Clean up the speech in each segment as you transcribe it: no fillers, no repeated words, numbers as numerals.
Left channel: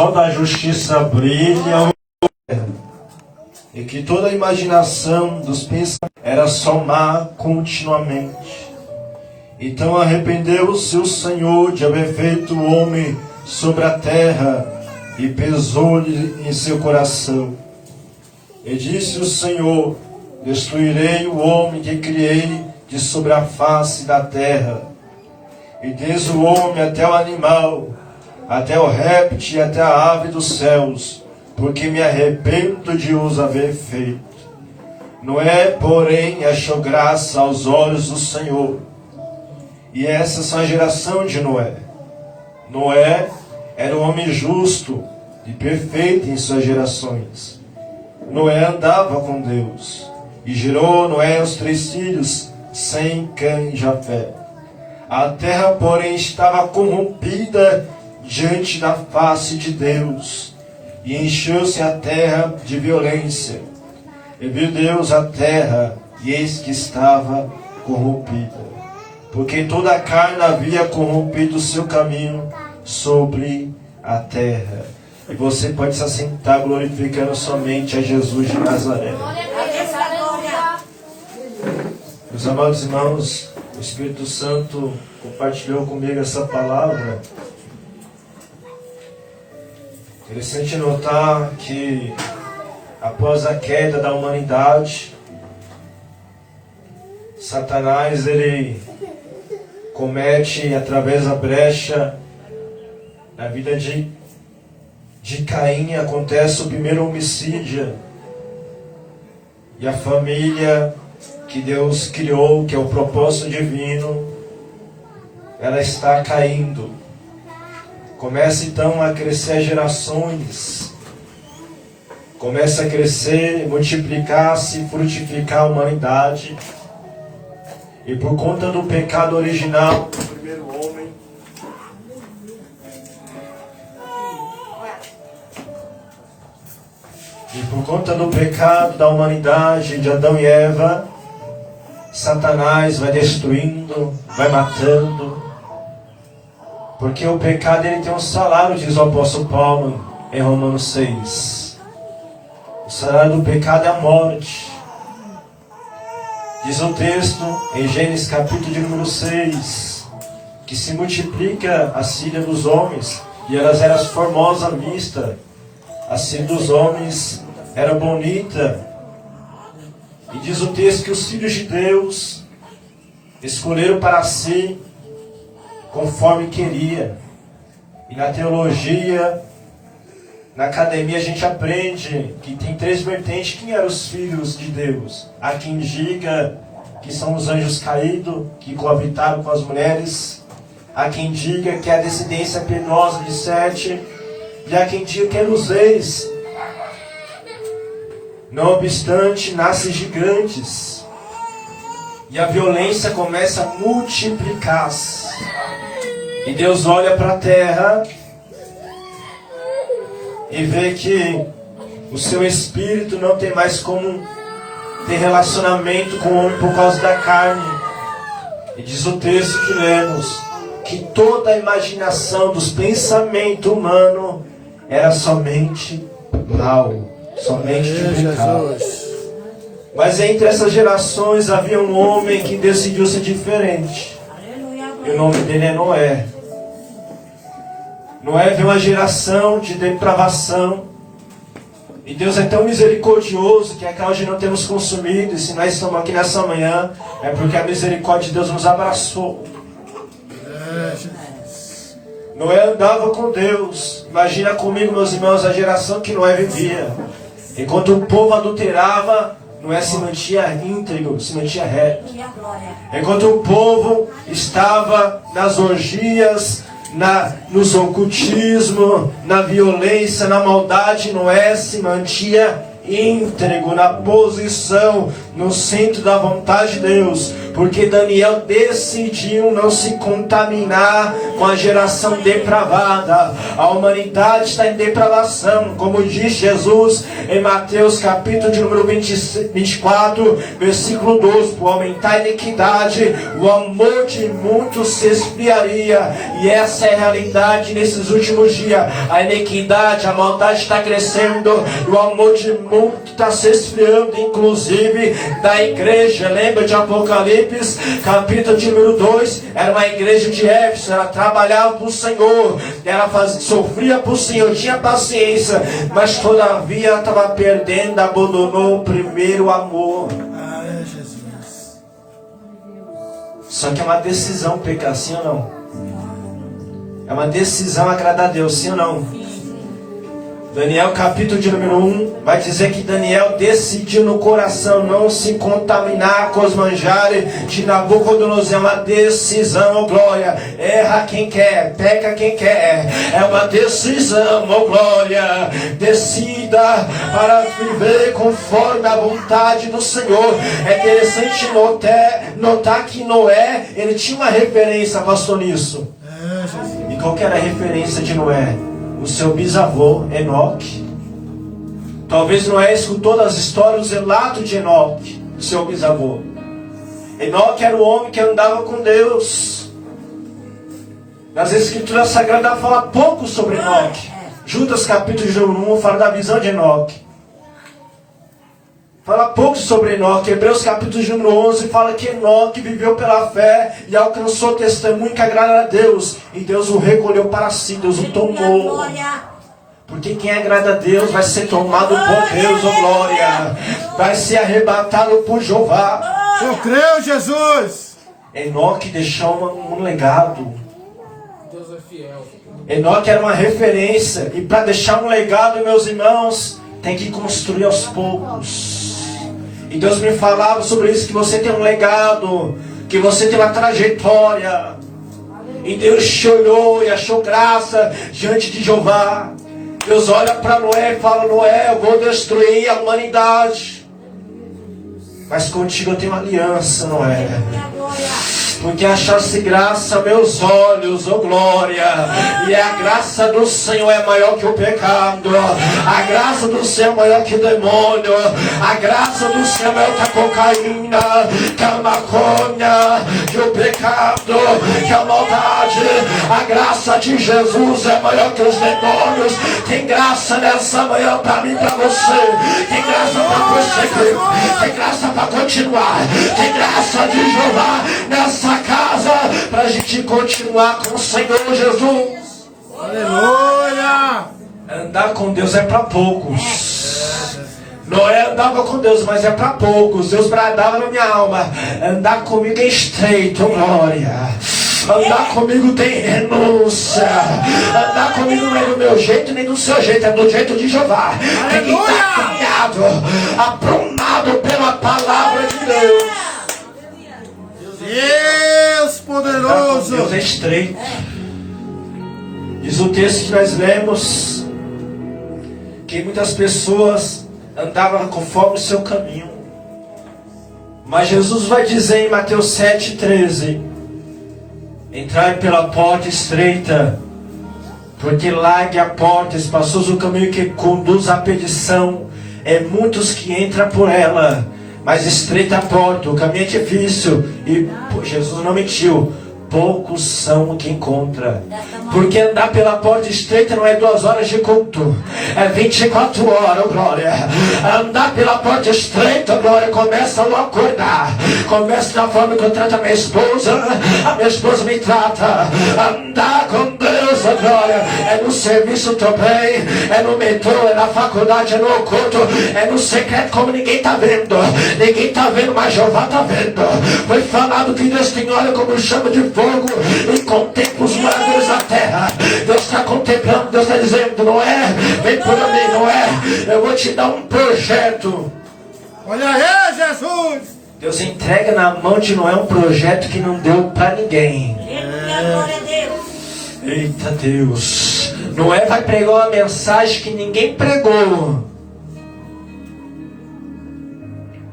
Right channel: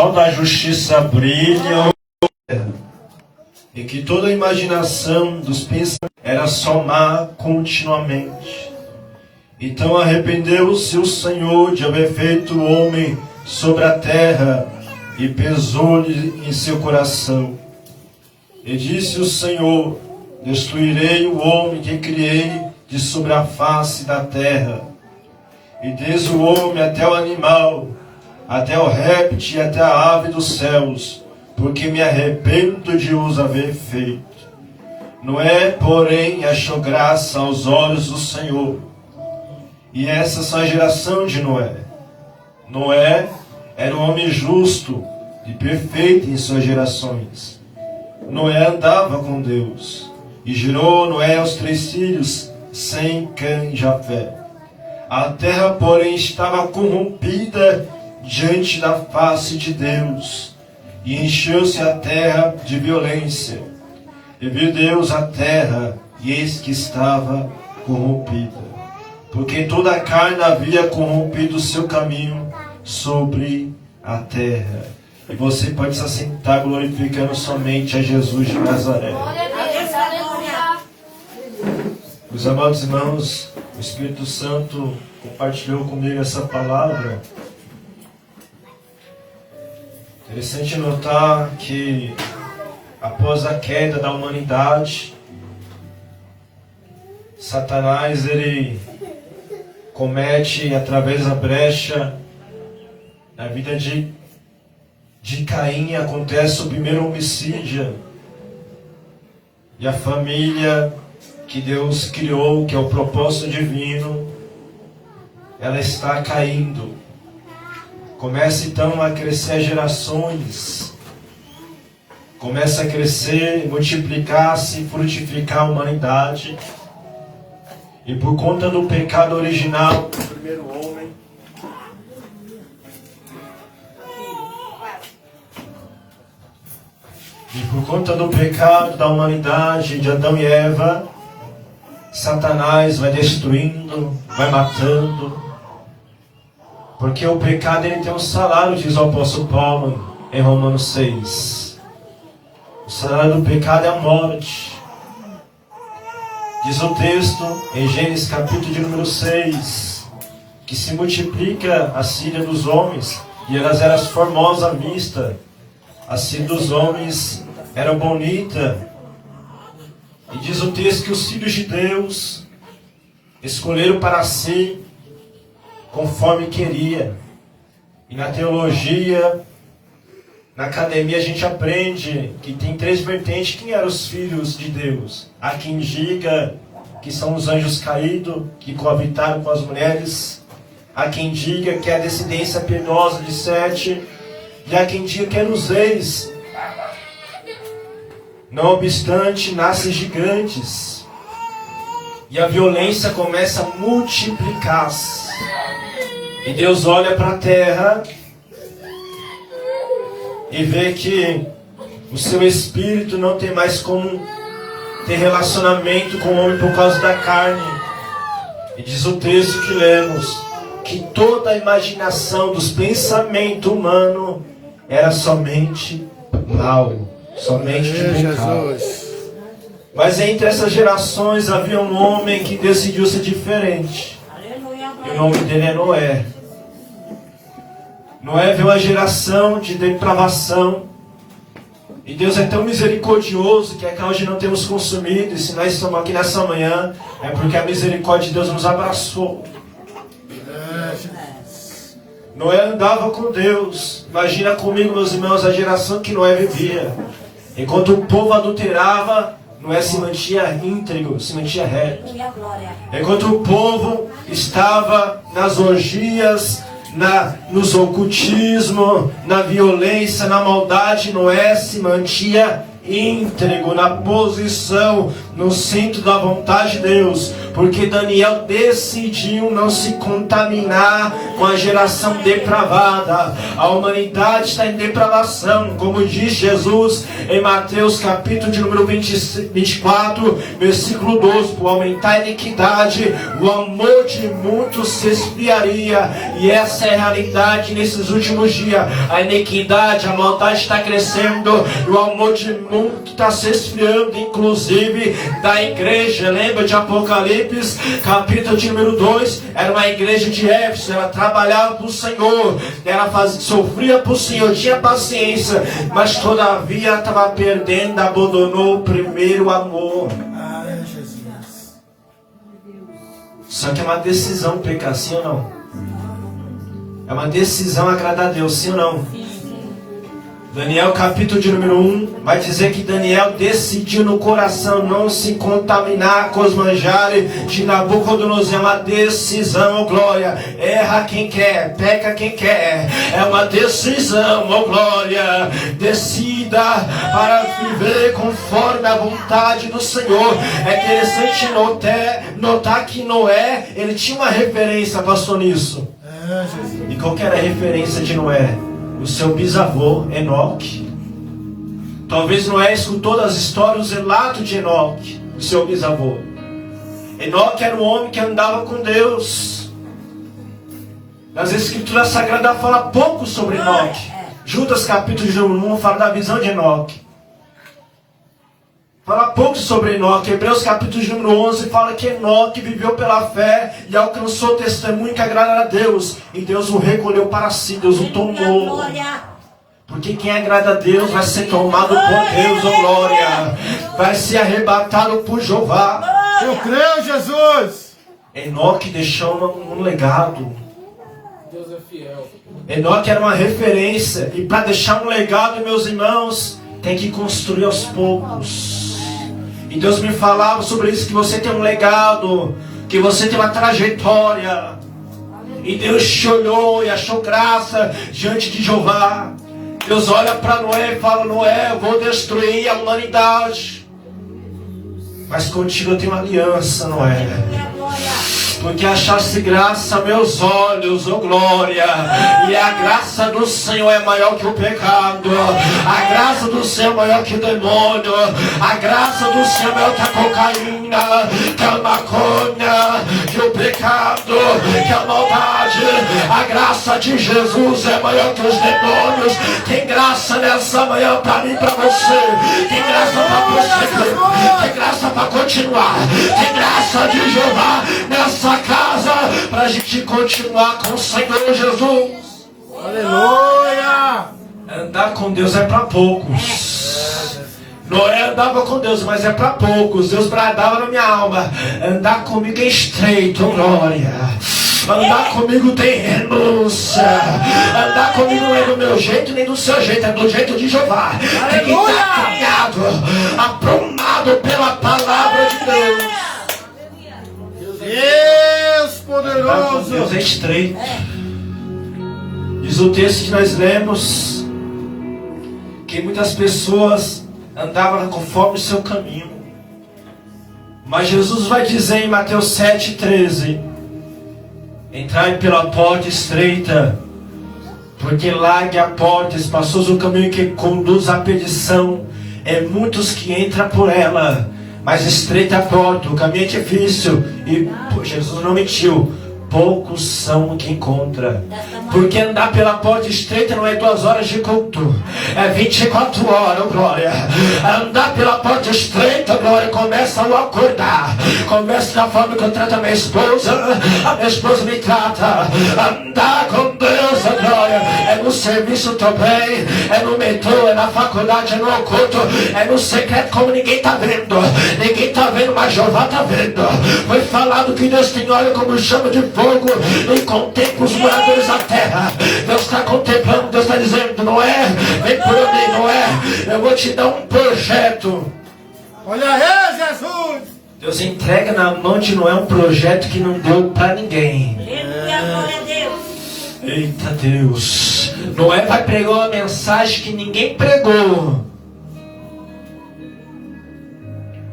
sol da justiça brilha e que toda a imaginação dos pensamentos era só má continuamente. Então arrependeu-se o Senhor de haver feito o homem sobre a terra e pesou-lhe em seu coração. E disse o Senhor: destruirei o homem que criei de sobre a face da terra, e desde o homem até o animal, até o réptil e até a ave dos céus, porque me arrependo de os haver feito. Noé, porém, achou graça aos olhos do Senhor. E essa são a geração de Noé. Noé era um homem justo e perfeito em suas gerações. Noé andava com Deus, e gerou Noé os 3 filhos, Sem, Cã e Jafé. A terra, porém, estava corrompida diante da face de Deus, e encheu-se a terra de violência. E viu Deus a terra, e eis que estava corrompida, porque toda a carne havia corrompido o seu caminho sobre a terra. E você pode se assentar glorificando somente a Jesus de Nazaré. Meus amados irmãos, o Espírito Santo compartilhou comigo essa palavra. Interessante notar que após a queda da humanidade, Satanás ele comete através da brecha na vida de Caim, acontece o primeiro homicídio, e a família que Deus criou, que é o propósito divino, ela está caindo. Começa então a crescer gerações, começa a crescer, multiplicar-se, frutificar a humanidade. E por conta do pecado original do primeiro homem, e por conta do pecado da humanidade, de Adão e Eva, Satanás vai destruindo, vai matando. Porque o pecado ele tem um salário, diz o apóstolo Paulo em Romanos 6. O salário do pecado é a morte. Diz o texto em Gênesis capítulo de número 6, que se multiplica a síria dos homens, e elas eram formosas à vista. A síria dos homens era bonita. E diz o texto que os filhos de Deus escolheram para si conforme queria. E na teologia, na academia, a gente aprende que tem 3 vertentes. Quem eram os filhos de Deus? Há quem diga que são os anjos caídos, que coabitaram com as mulheres. Há quem diga que é a descendência piedosa de Sete. E há quem diga que é nos reis. Não obstante, nascem gigantes. E a violência começa a multiplicar-se. E Deus olha para a terra e vê que o seu espírito não tem mais como ter relacionamento com o homem por causa da carne. E diz o texto que lemos que toda a imaginação dos pensamentos humanos era somente mal, somente de pecado. Mas entre essas gerações havia um homem que decidiu ser diferente. E o nome dele é Noé. Noé veio uma geração de depravação. E Deus é tão misericordioso que até hoje não temos consumido. E se nós estamos aqui nessa manhã, é porque a misericórdia de Deus nos abraçou. Noé andava com Deus. Imagina comigo, meus irmãos, a geração que Noé vivia. Enquanto o povo adulterava, Noé se mantinha íntegro, se mantinha reto. Enquanto o povo estava nas orgias, nos ocultismo, na violência, na maldade, Noé se mantinha íntegro, na posição no centro da vontade de Deus, porque Daniel decidiu não se contaminar com a geração depravada. A humanidade está em depravação, como diz Jesus em Mateus capítulo de número 24, versículo 12: por aumentar a iniquidade, o amor de muitos se esfriaria. E essa é a realidade nesses últimos dias. A iniquidade, a maldade está crescendo, e o amor de muitos está se esfriando, inclusive da igreja. Lembra de Apocalipse capítulo de número 2? Era uma igreja de Éfeso, ela trabalhava para o Senhor, ela sofria para o Senhor, tinha paciência, mas todavia ela estava perdendo, abandonou o primeiro amor. Só que é uma decisão pecar, sim ou não? É uma decisão agradar a Deus, sim ou não? Daniel capítulo de número 1 vai dizer que Daniel decidiu no coração não se contaminar com os manjares de Nabucodonosor. É uma decisão, oh glória. Erra quem quer, peca quem quer. É uma decisão, oh glória. Decida para viver conforme a vontade do Senhor. É interessante notar que Noé, ele tinha uma referência, pastor, nisso. E qual que era a referência de Noé? O seu bisavô, Enoque. Talvez Noé escutou das histórias, os relatos de Enoque, o seu bisavô. Enoque era o homem que andava com Deus. Mas a Escritura Sagrada fala pouco sobre Enoque. Judas capítulo de 1 fala da visão de Enoque. Fala pouco sobre Enoque. Hebreus capítulo de número 11 fala que Enoque viveu pela fé e alcançou o testemunho que agrada a Deus. E Deus o recolheu para si, Deus o tomou. Porque quem agrada a Deus vai ser tomado por Deus, oh glória. Vai ser arrebatado por Jeová. Eu creio, Jesus. Enoque deixou um legado. Deus é fiel. Enoque era uma referência. E para deixar um legado, meus irmãos, tem que construir aos poucos. E Deus me falava sobre isso, que você tem um legado, que você tem uma trajetória. E Deus te olhou e achou graça diante de Jeová. Deus olha para Noé e fala: Noé, eu vou destruir a humanidade, mas contigo eu tenho uma aliança, Noé. Porque achaste graça a meus olhos, oh glória. E a graça do Senhor é maior que o pecado. A graça do Senhor é maior que o demônio. A graça do Senhor é maior que a cocaína, que a maconha, que o pecado, que a maldade. A graça de Jesus é maior que os demônios. Tem graça nessa manhã para mim e para você. Tem graça para você. Tem graça para continuar. Tem graça de Jeová nessa casa para a gente continuar com o Senhor Jesus. Aleluia! Andar com Deus é para poucos. Noé andava com Deus, mas é para poucos. Deus bradava na minha alma: andar comigo é estreito, glória. Andar comigo tem renúncia. Andar comigo não é do meu jeito nem do seu jeito, é do jeito de Jeová. Tem que estar caminhado, aprumado pela palavra de Deus. Deus poderoso. Deus é estreito. Diz o texto que nós lemos que muitas pessoas andavam conforme o seu caminho. Mas Jesus vai dizer em Mateus 7,13: entrai pela porta estreita, porque larga a porta, espaçoso o caminho que conduz à perdição. É muitos que entram por ela, mas estreita a porta, o caminho é difícil. E Jesus não mentiu, poucos são que encontra. Porque andar pela porta estreita não é 2 horas de culto, é 24 horas, glória. Andar pela porta estreita, glória, começa ao acordar. Começa da forma que eu trato a minha esposa me trata. Andar com Deus, glória, é no serviço também, é no metrô, é na faculdade, é no oculto, é no secreto, como ninguém está vendo. Ninguém está vendo, mas Jeová está vendo. Foi falado que Deus tem olho como chama de fogo e contempla os moradores da terra. Deus está contemplando, Deus está dizendo: não é? Vem por mim, não é? Eu vou te dar um projeto. Olha aí, Jesus. Deus entrega na mão de Noé um projeto que não deu para ninguém. Glória a Deus. Eita Deus. Noé vai pregar uma mensagem que ninguém pregou.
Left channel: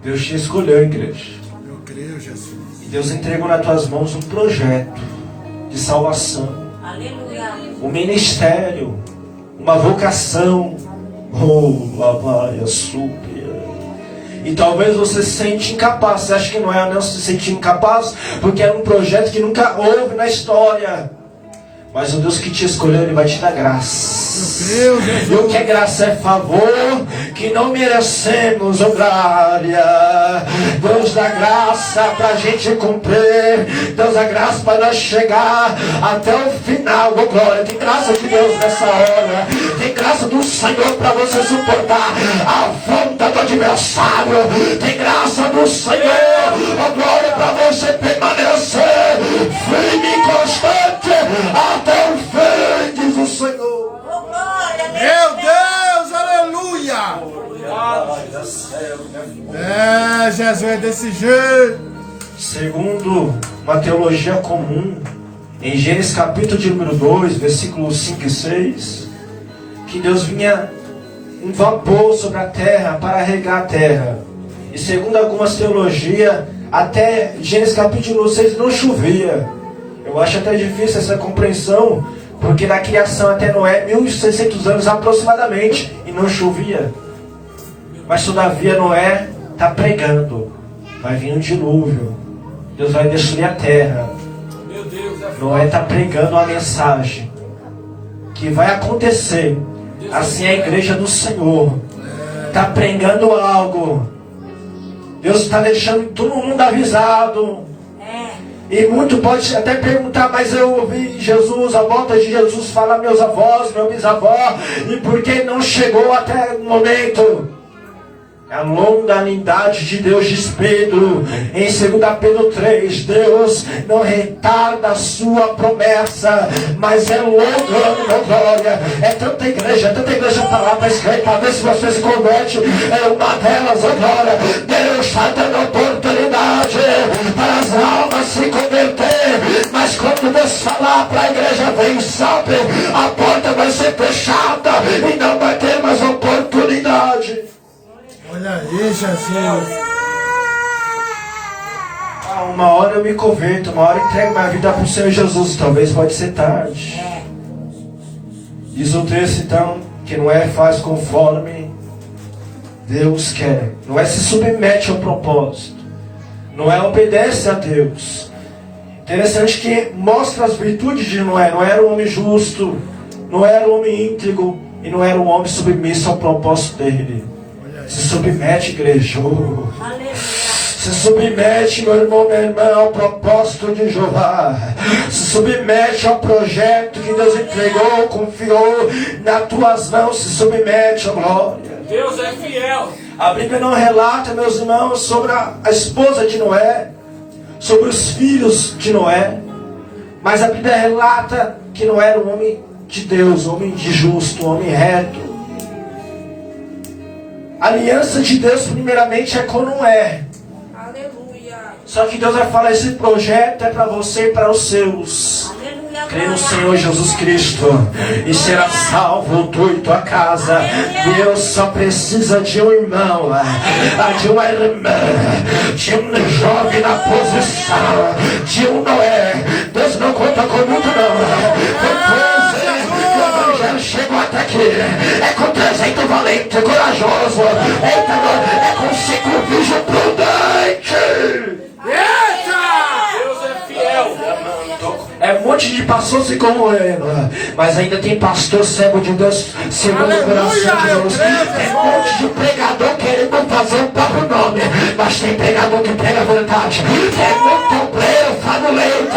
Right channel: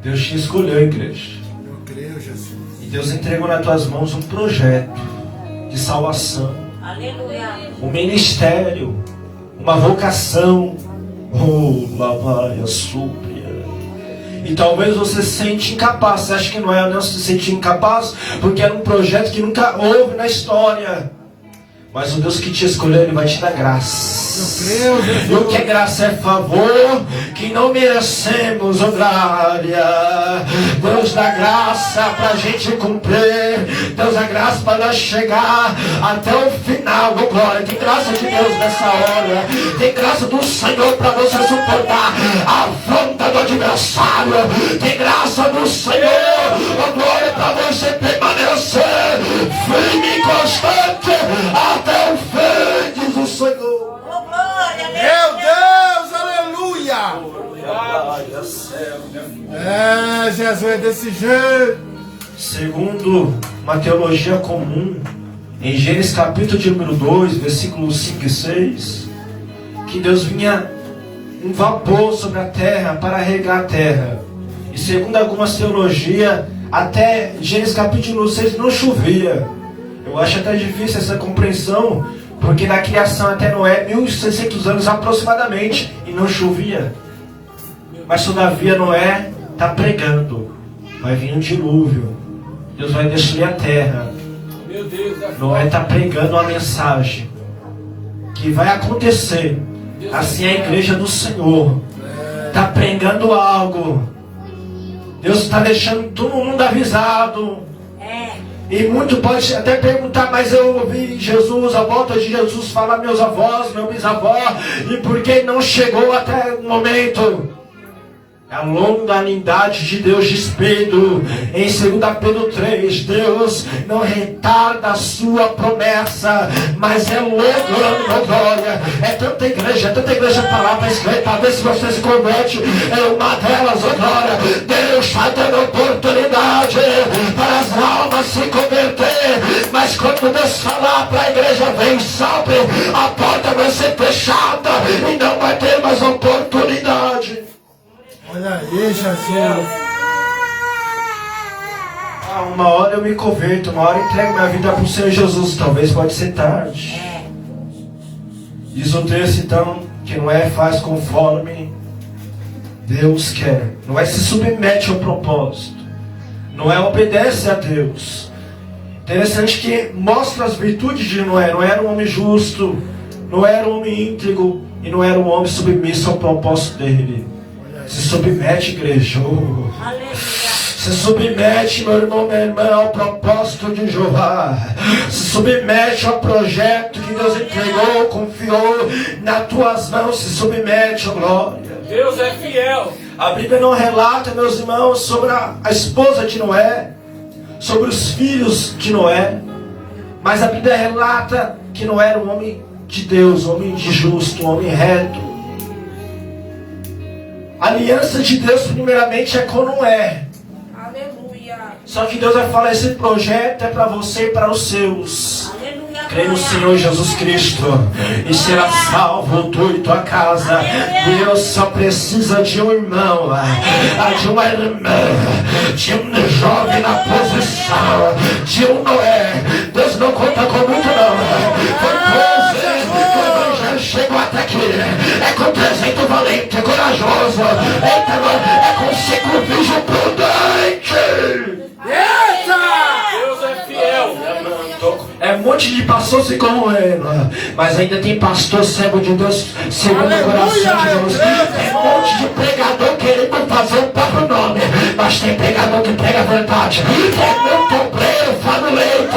Deus te escolheu, igreja. Eu creio, Jesus. E Deus entregou nas tuas mãos um projeto de salvação. Aleluia. Um ministério. Uma vocação. Oh, lavaia, súplia. E talvez você se sente incapaz. Você acha que não é não se sentir incapaz? Porque era um projeto que nunca houve na história. Mas o Deus que te escolheu, Ele vai te dar graça. E o que é graça é favor que não merecemos, oh glória. Deus dá graça para a gente cumprir. Deus dá graça para nós chegar até o final, oh glória. Tem graça de Deus nessa hora. Tem graça do Senhor para você suportar a afronta do adversário. Tem graça do Senhor, oh glória, para você permanecer firme e constante até o fim, diz o Senhor. Oh, glória, Meu Deus, aleluia. É, Jesus é desse jeito. Segundo uma teologia comum, em Gênesis capítulo de número 2, versículos 5 e 6, que Deus vinha um vapor sobre a terra para regar a terra. E segundo algumas teologias, até Gênesis capítulo 6 não chovia. Eu acho até difícil essa compreensão, porque da criação até Noé, 1.600 anos aproximadamente, e não chovia. Mas todavia Noé está pregando. Vai vir um dilúvio. Deus vai destruir a terra. Noé está pregando uma mensagem que vai acontecer. Assim é a igreja do Senhor. Está pregando algo. Deus está deixando todo mundo avisado. E muito pode até perguntar, mas eu ouvi Jesus, a volta de Jesus, falar meus avós, meu bisavó, e por que não chegou até o momento? A longanimidade de Deus, diz Pedro, em 2 Pedro 3, Deus não retarda a sua promessa, mas é longa, glória. É tanta igreja para lá, para escrever, para ver se você se converte. É uma delas, glória. Deus está dando oportunidade para as almas se converter, mas quando Deus falar para a igreja, vem, sobe, a porta vai ser fechada e não vai ter mais oportunidade. Olha aí, Jesus. Uma hora eu me converto, uma hora eu entrego minha vida para o Senhor Jesus. Talvez pode ser tarde. Diz o texto então que não é faz conforme Deus quer. Não é se submete ao propósito. Não é obedece a Deus. Interessante que mostra as virtudes de Noé. Não era um homem justo, não era um homem íntegro e não era um homem submisso ao propósito dele. Se submete, igreja. Se submete, meu irmão, minha irmã, ao propósito de Jeová. Se submete ao projeto que Deus entregou, confiou nas tuas mãos. Se submete, ó glória. Deus é fiel. A Bíblia não relata, meus irmãos, sobre a esposa de Noé, sobre os filhos de Noé, mas a Bíblia relata que Noé era um homem de Deus, um homem de justo, um homem reto. A aliança de Deus primeiramente é com Noé. Aleluia. Só que Deus vai falar, esse projeto é para você e para os seus. Aleluia. Crê no Senhor Jesus Cristo e será salvo tu e tua casa. Deus só precisa de um irmão, de uma irmã, de um jovem na posição, de um Noé. Deus não conta com muito não. Chegou até aqui, é com 300 valente, corajoso, é com 5 virgem prudente. Eita! Deus é fiel. É um monte de pastor se corroendo, mas ainda tem pastor cego de Deus, segundo o coração de Deus. Tem um monte de pregador querendo fazer o próprio nome, mas tem pregador que prega a verdade. Tem muito obreiro, fanuleiro,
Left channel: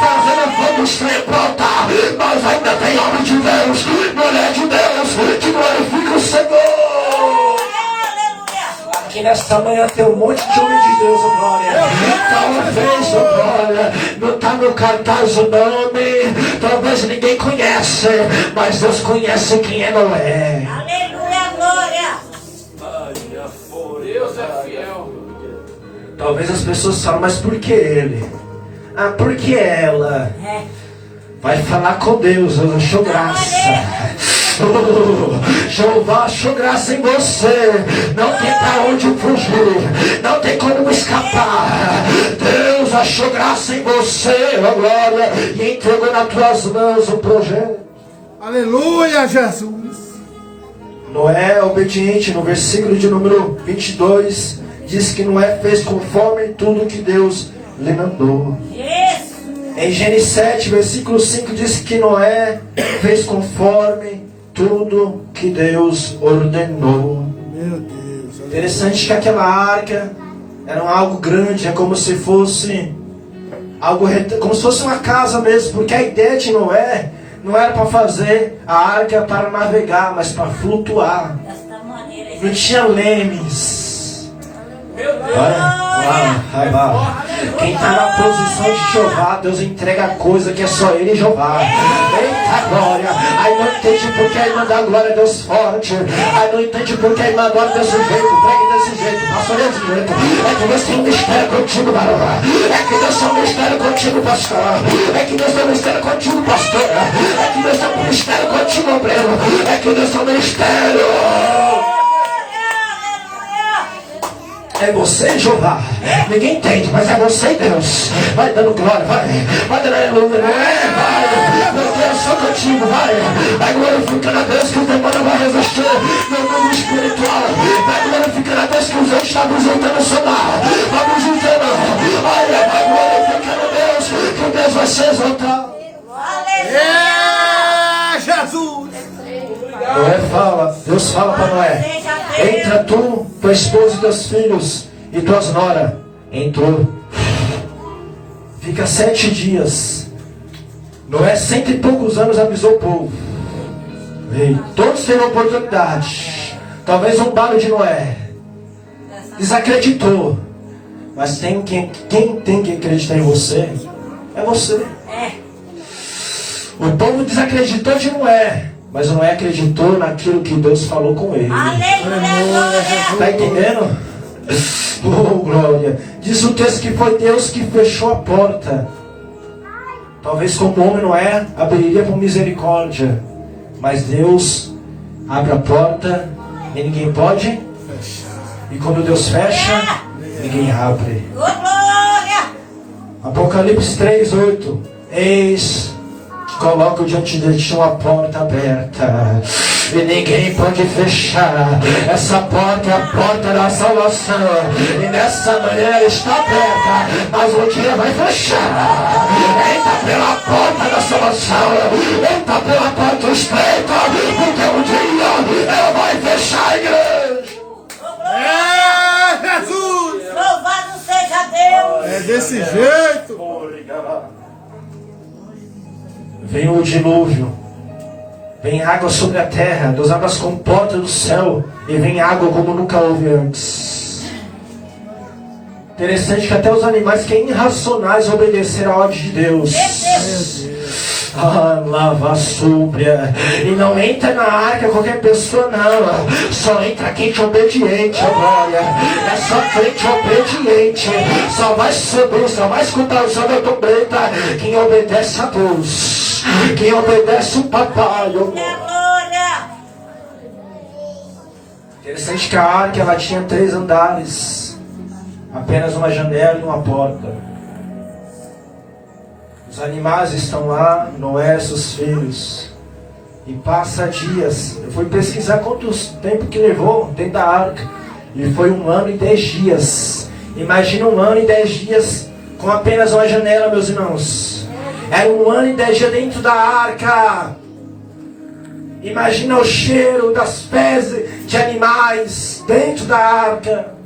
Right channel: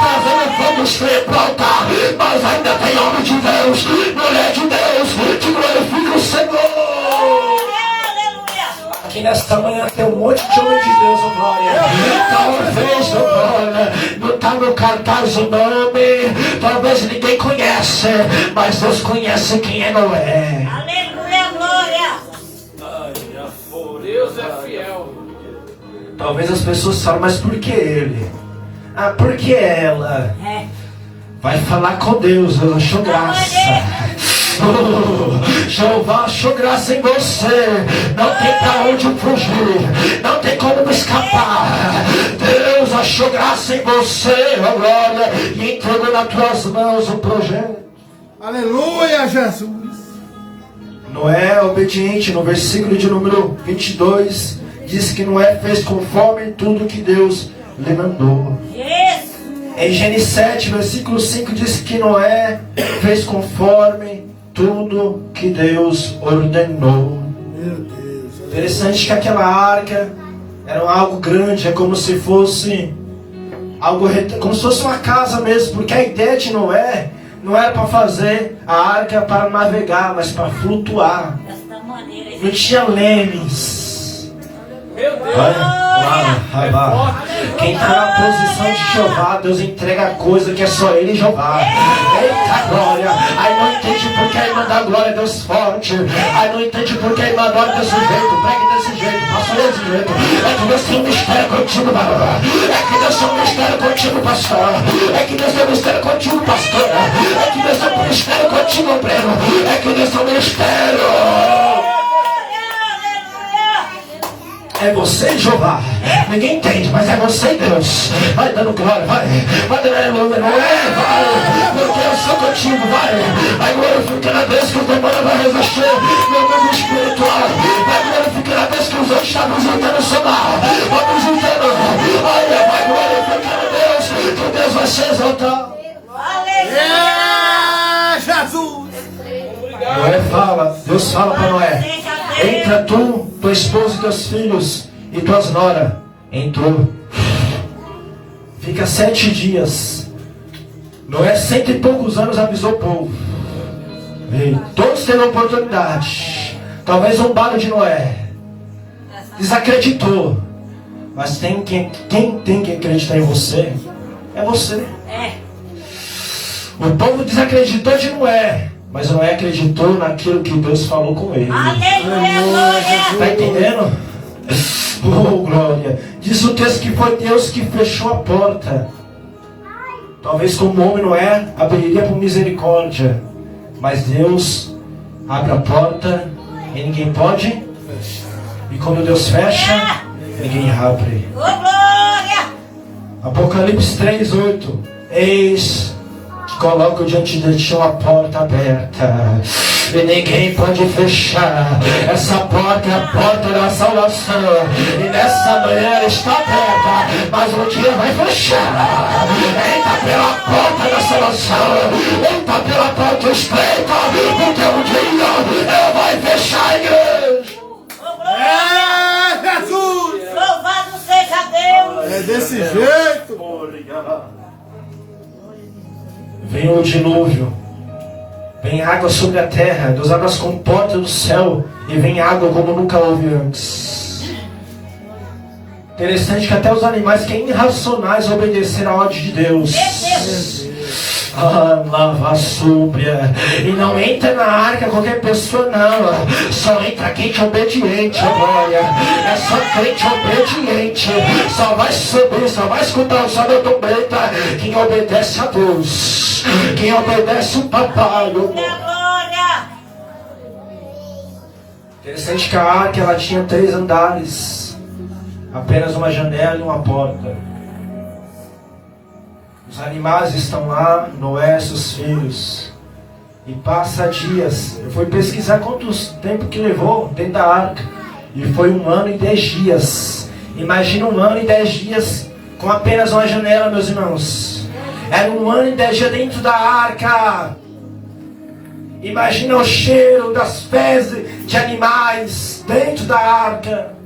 fazendo fundos para altar, mas ainda tem homem de Deus, mulher de Deus, que glorifica o Senhor. Aqui nesta manhã tem um monte de homem de Deus, oh glória. Talvez, oh glória, não está no cartaz o nome, talvez ninguém conhece, mas Deus conhece quem é Noé. Aleluia, glória. Deus é fiel. Talvez as pessoas falam, mas por que ele? Ah, por que ela? Vai falar com Deus, eu achou graça. Jeová achou graça em você. Não tem pra onde fugir. Não tem como escapar. Deus achou graça em você, oh glória, e entregou nas tuas mãos o projeto. Aleluia, Jesus. Noé, obediente, no versículo de número 22, diz que Noé fez conforme tudo que Deus lhe mandou. Isso. Em Gênesis 7, versículo 5, diz que Noé fez conforme tudo que Deus ordenou. Meu Deus. Interessante que aquela arca era algo grande, é como se fosse como se fosse uma casa mesmo, porque a ideia de Noé não era para fazer a arca para navegar, mas para flutuar. Desta maneira. Não tinha lemes. Meu Deus. Quem está na posição de Jeová, Deus entrega coisa que é só Ele e Jeová. Eita glória. Aí não entende porque a irmã dá glória a Deus forte. Aí não entende porque a irmã adora desse jeito. Pregue desse jeito, pastor desse jeito. É que Deus tem um mistério contigo, varão. É que Deus tem um mistério contigo, pastor. É que Deus tem um mistério contigo, pastor. É que Deus tem um mistério contigo, obreiro. É que Deus tem um mistério. É você, Jeová. Ninguém entende, mas é você, Deus. Vai dando glória, vai dando aleluia, não é? Vai. Meu Deus, sou contigo, vai glorificando a Deus que o demônio vai revestir meu mundo espiritual. Vai glorificando a Deus que os outros estão juntando solar. Vamos juntando. Vai glorificando a Deus que Deus vai se exaltar. É, Jesus. Noé fala, Deus fala para Noé: entra tu, tua esposa e teus filhos e tuas noras. Entrou. Fica 7 dias. Noé, 100 e poucos anos, avisou o povo. E todos terão oportunidade. Talvez um barulho de Noé desacreditou. Mas quem tem que acreditar em você é você. O povo desacreditou de Noé, mas Noé acreditou naquilo que Deus falou com ele. Aleluia. Está entendendo? Oh, glória. Diz o texto que foi Deus que fechou a porta. Talvez como homem Noé abriria por misericórdia, mas Deus abre a porta e ninguém pode. E quando Deus fecha, ninguém abre. Ô, glória. Apocalipse 3:8. Eis que coloco diante de ti uma porta aberta e ninguém pode fechar. Essa porta é a porta da salvação, e nessa manhã ela está aberta, mas um dia vai fechar. Entra pela porta da salvação, entra pela porta estreita, porque um dia ela vai fechar, a igreja. Ô, glória. É, Jesus. Louvado seja Deus. É desse jeito. Vem o dilúvio, vem água sobre a terra, Deus abre as comportas do céu e vem água como nunca houve antes. Interessante que até os animais que são irracionais obedeceram a ordem de Deus. Lava súbria. E não entra na arca qualquer pessoa, não. Só entra crente obediente, ó glória. É só crente obediente. Só vai subir, só vai escutar o som da trombeta quem obedece a Deus, quem obedece o papai, ó glória. Interessante que a arca ela tinha 3 andares, apenas uma janela e uma porta. Os animais estão lá, Noé, seus filhos. E passa dias. Eu fui pesquisar quantos tempo que levou dentro da arca. E foi 1 ano e 10 dias. Imagina 1 ano e 10 dias com apenas uma janela, meus irmãos. Era 1 ano e 10 dias dentro da arca. Imagina o cheiro das fezes de animais dentro da arca.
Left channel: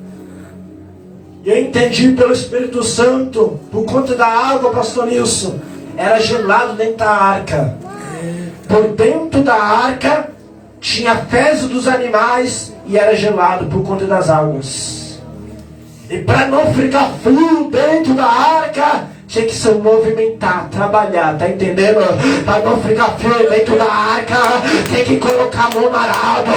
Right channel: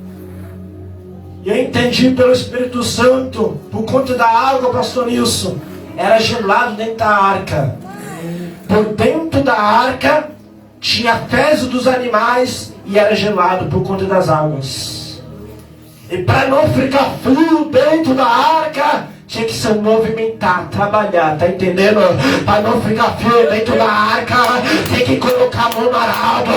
E eu entendi pelo Espírito Santo, por conta da água, pastor Nilson, era gelado dentro da arca. Por dentro da arca tinha fezes dos animais e era gelado por conta das águas. E para não ficar frio dentro da arca, tinha que se movimentar, trabalhar, tá entendendo? Para não ficar frio dentro da arca, tem que colocar a mão no arado,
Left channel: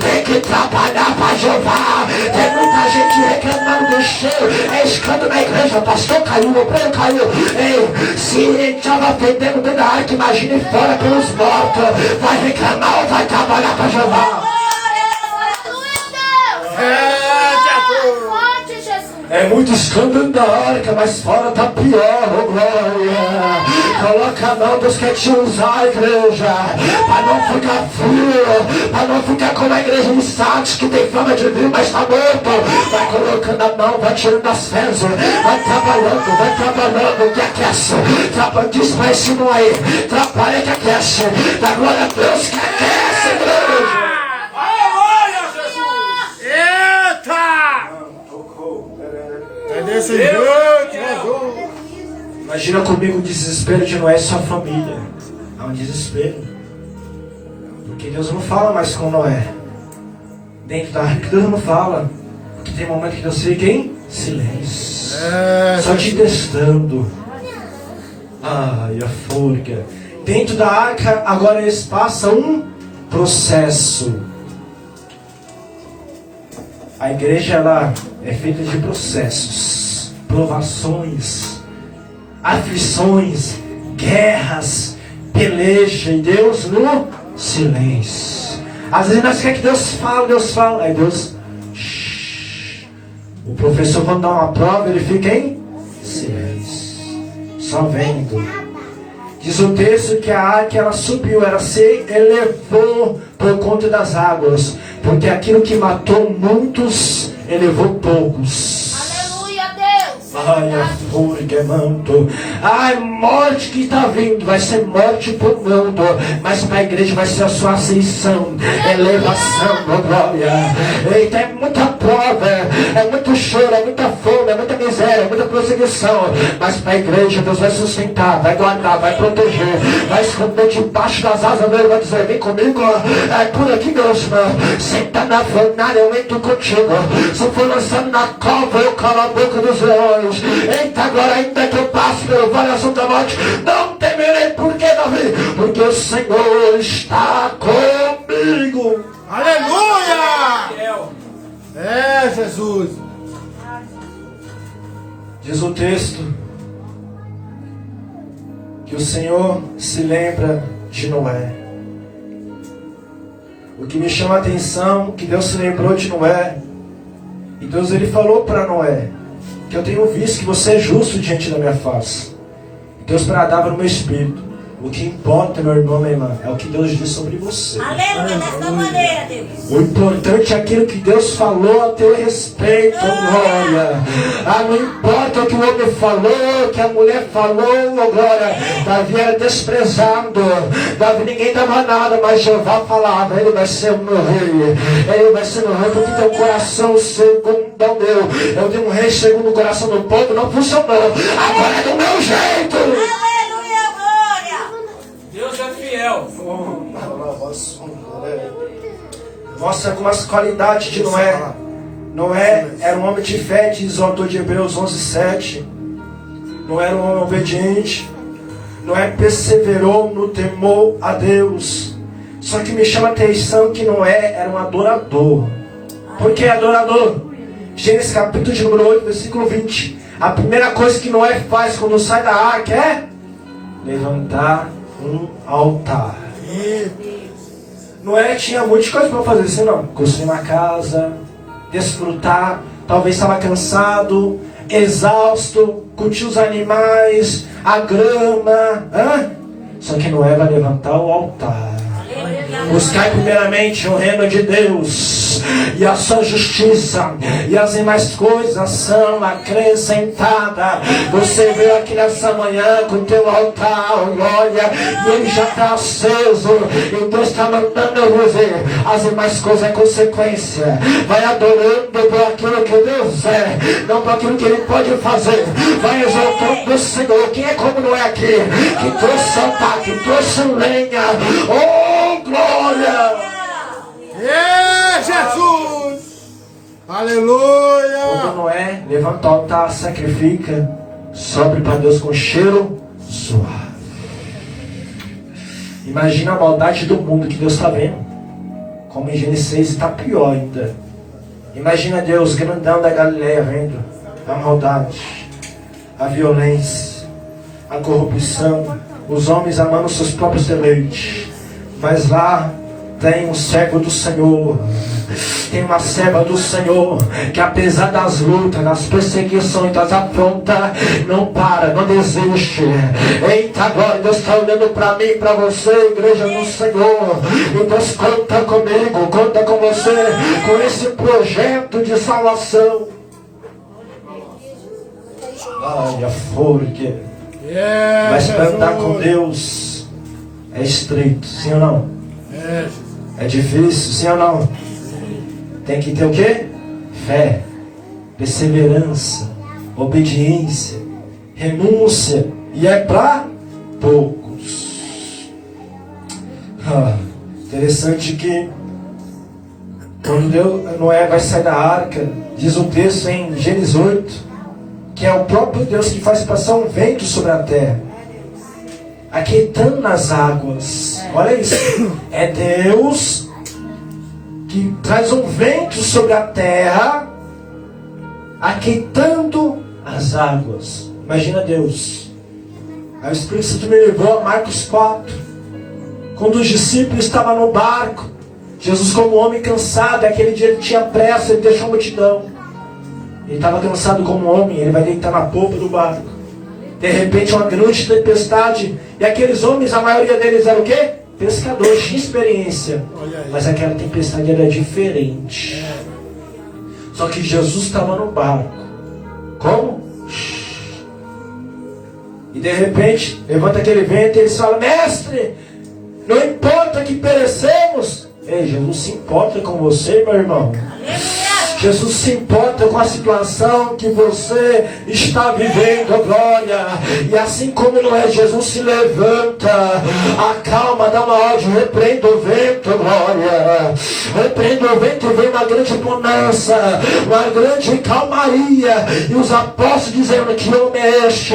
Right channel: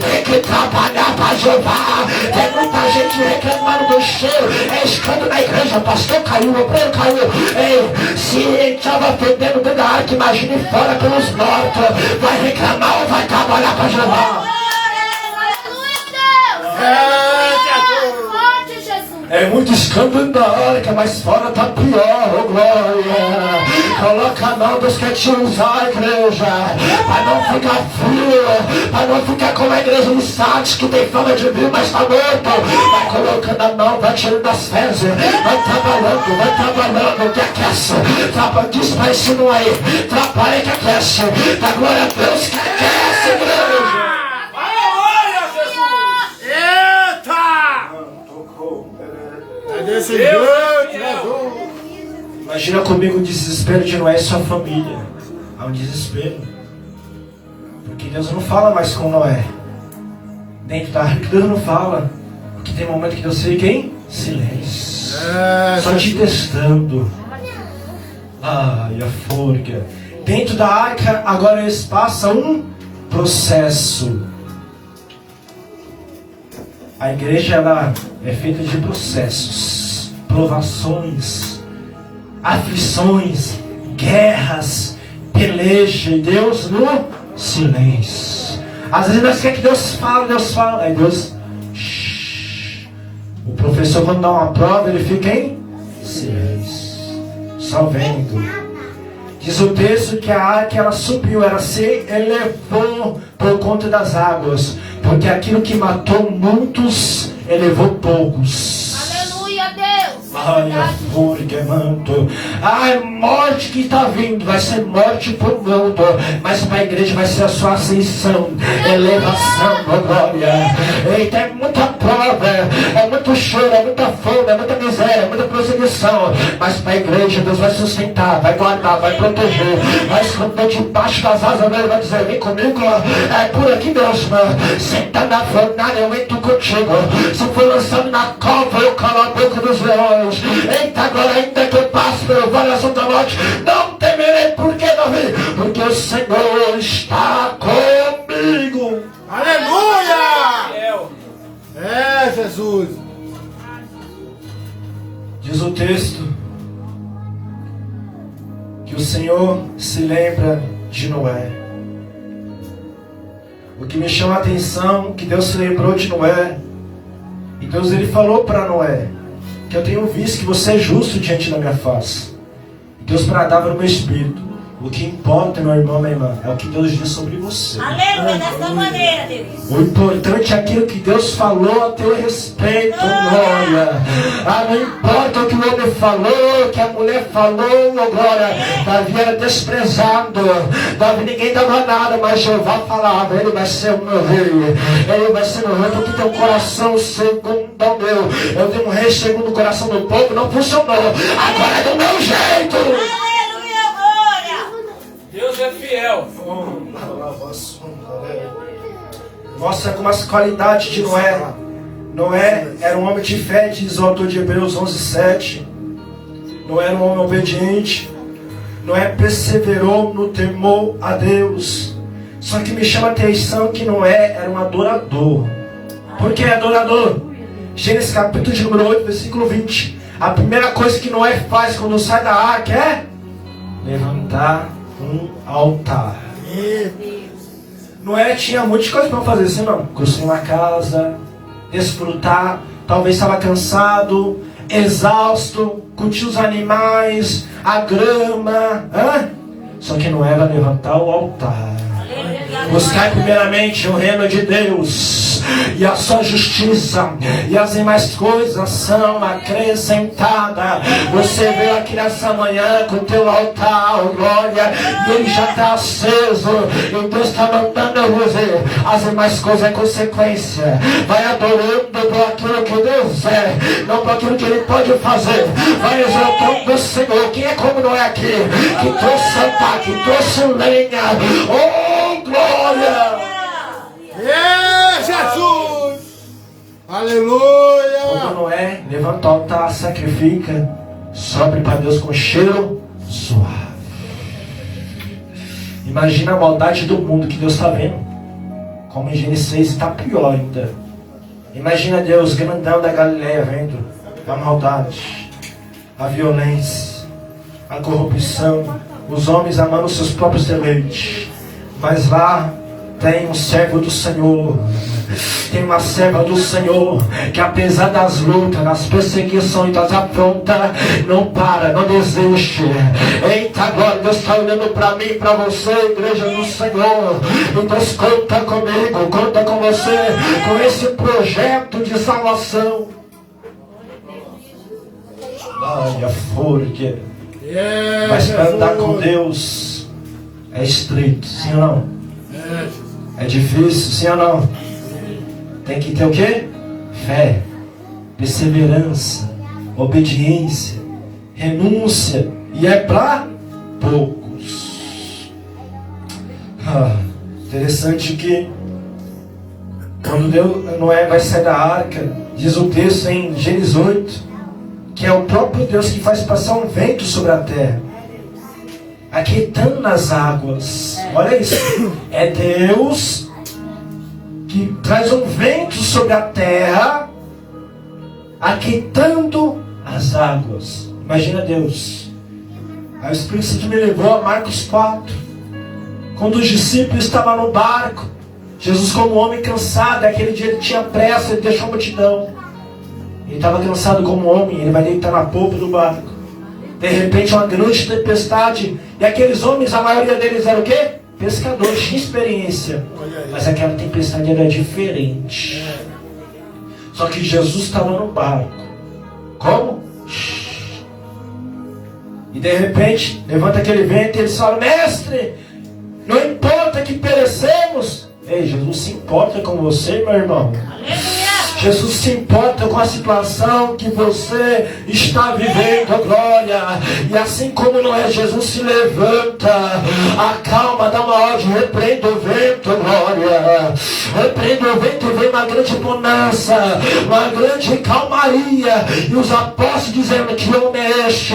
tem que trabalhar para Jeová. Tem muita gente reclamando carro do cheiro, é escândalo na igreja, o pastor caiu, o obreiro caiu. Ei, se estava fedendo dentro da arca, imagine fora pelos mortos. Vai reclamar ou vai trabalhar para Jeová? É muito escândalo na arca, mas fora tá pior, oh glória. Coloca a mão dos que te usar, igreja, para não ficar frio, para não ficar como a igreja de Santos, que tem fama de vir, mas tá morto. Vai colocando a mão, vai tirando as fezes, vai trabalhando, que aquece. Diz pra esse não aí, trabalha que aquece. Da glória a Deus que aquece, igreja. Imagina comigo o desespero de Noé e sua família. Há um desespero. Porque Deus não fala mais com Noé. Dentro da arca Deus não fala. Porque tem momento que Deus fica em silêncio. Só te testando. Ai, a forca. Dentro da arca agora eles passam um processo. A igreja ela é feita de processos, provações, aflições, guerras, peleja, e Deus no silêncio. Às vezes nós queremos que Deus fala, aí Deus... O professor quando dá uma prova, ele fica em silêncio, só vendo. Diz o texto que a arca ela subiu, ela se elevou por conta das águas, porque aquilo que matou muitos, elevou poucos. Aleluia, Deus. Ai, a forca, manto. Ai, morte que está vindo, vai ser morte para o mundo, mas para a igreja vai ser a sua ascensão, elevação, oh glória. Eita, é muita prova, é muito choro, é muita fome, é muita miséria, é muita perseguição, mas para a igreja Deus vai sustentar, vai guardar, vai proteger, vai esconder debaixo das asas dele, vai dizer, vem comigo, é por aqui mesmo, senta na fornalha, eu entro contigo, se for lançado na cova, eu calo a boca dos leões. Eita, agora ainda que eu passe pelo vale azul da morte, não temerei, por que, Davi? Porque o Senhor está comigo. Aleluia! É, Jesus. Diz o texto que o Senhor se lembra de Noé. O que me chama a atenção, que Deus se lembrou de Noé. E Deus ele falou para Noé, que eu tenho visto que você é justo diante da minha face. E Deus bradava no meu espírito. O que importa, meu irmão, minha irmã, é o que Deus diz sobre você. Aleluia, dessa maneira, Deus. O importante é aquilo que Deus falou a teu respeito, glória. Ah, não importa o que o homem falou, que a mulher falou, glória. Davi era desprezado. Davi ninguém dava nada, mas Jeová falava, ele vai ser o meu rei. Ele vai ser meu rei, porque tem um coração segundo o meu. Eu tenho um rei segundo o coração do povo, não funcionou. Agora é do meu jeito. Aleluia, glória. Deus é fiel. Mostra como as qualidades de Noé. Noé era um homem de fé, diz o autor de Hebreus 11:7. Noé era um homem obediente. Noé perseverou no temor a Deus. Só que me chama a atenção que Noé era um adorador. Por que adorador? Gênesis capítulo de número 8, versículo 20. A primeira coisa que Noé faz quando sai da arca é levantar um altar. Noé tinha muitas coisas para fazer, assim não. Construir uma casa, desfrutar, talvez estava cansado, exausto, curtir os animais, a grama. Só que Noé vai levantar o altar. Buscar primeiramente o reino de Deus e a sua justiça, e as demais coisas são acrescentadas. Você veio aqui nessa manhã com o teu altar, glória, e ele já está aceso, e Deus está mandando eu dizer, as demais coisas é consequência. Vai adorando por aquilo que Deus é, não por aquilo que Ele pode fazer. Vai exaltando o Senhor. Quem é como não é aqui, que trouxe altar, que trouxe lenha, oh glória! Jesus! Aleluia! Quando Noé levanta o altar, sacrifica, sobe para Deus com cheiro suave. Imagina a maldade do mundo que Deus está vendo. Como em Gênesis 6 está pior ainda. Imagina Deus, grandão da Galileia, vendo a maldade, a violência, a corrupção, os homens amando seus próprios deleites. Mas lá tem um servo do Senhor, tem uma serva do Senhor, que apesar das lutas, das perseguições, das afrontas, não para, não desiste. Eita, agora Deus está olhando para mim, para você, igreja do Senhor. E Deus conta comigo, conta com você, com esse projeto de salvação. Ai, a forca. Mas para andar com Deus é estreito, sim ou não? É difícil, sim ou não? Tem que ter o quê? Fé, perseverança, obediência, renúncia. E é para poucos. Interessante que quando Noé vai sair da arca, diz o texto em Gênesis 8, que é o próprio Deus que faz passar um vento sobre a terra, aquietando nas águas. Olha isso. É Deus que traz um vento sobre a terra, aquietando as águas. Imagina Deus. Aí o Espírito Santo me levou a Marcos 4, quando os discípulos estavam no barco. Jesus, como homem cansado, aquele dia ele tinha pressa, ele deixou a multidão. Ele estava cansado como homem, ele vai deitar na polpa do barco. De repente uma grande tempestade, e aqueles homens, a maioria deles era o quê? Pescadores, tinha experiência. Mas aquela tempestade era diferente. Só que Jesus estava no barco. Como? E de repente, levanta aquele vento e eles falam: mestre, não importa que perecemos. Ei, Jesus se importa com você, meu irmão. Jesus se importa com a situação que você está vivendo, glória. E assim como não é, Jesus se levanta, acalma, dá uma ordem, repreenda o vento, glória. Repreenda o vento e vem uma grande bonança, uma grande calmaria. E os apóstolos dizendo: que homem é este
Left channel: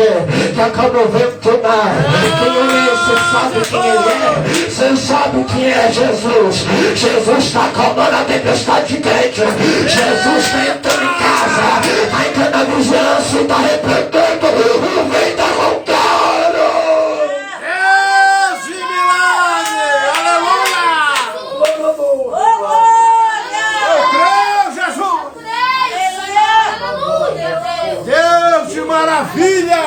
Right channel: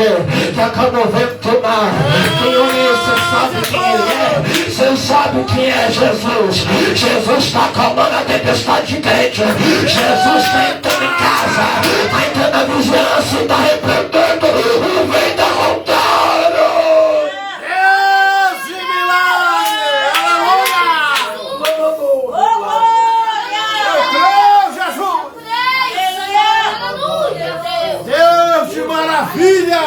que acalma o vento do mar? Quem homem é? Você sabe quem ele é? Você sabe quem é Jesus? Jesus está acalmando a tempestade quente. Jesus está entrando em casa, está entrando na vigilância e está repreendendo o vento da vontade. Esse milagre! Aleluia! Eu creio, Jesus! Aleluia! Deus de maravilha!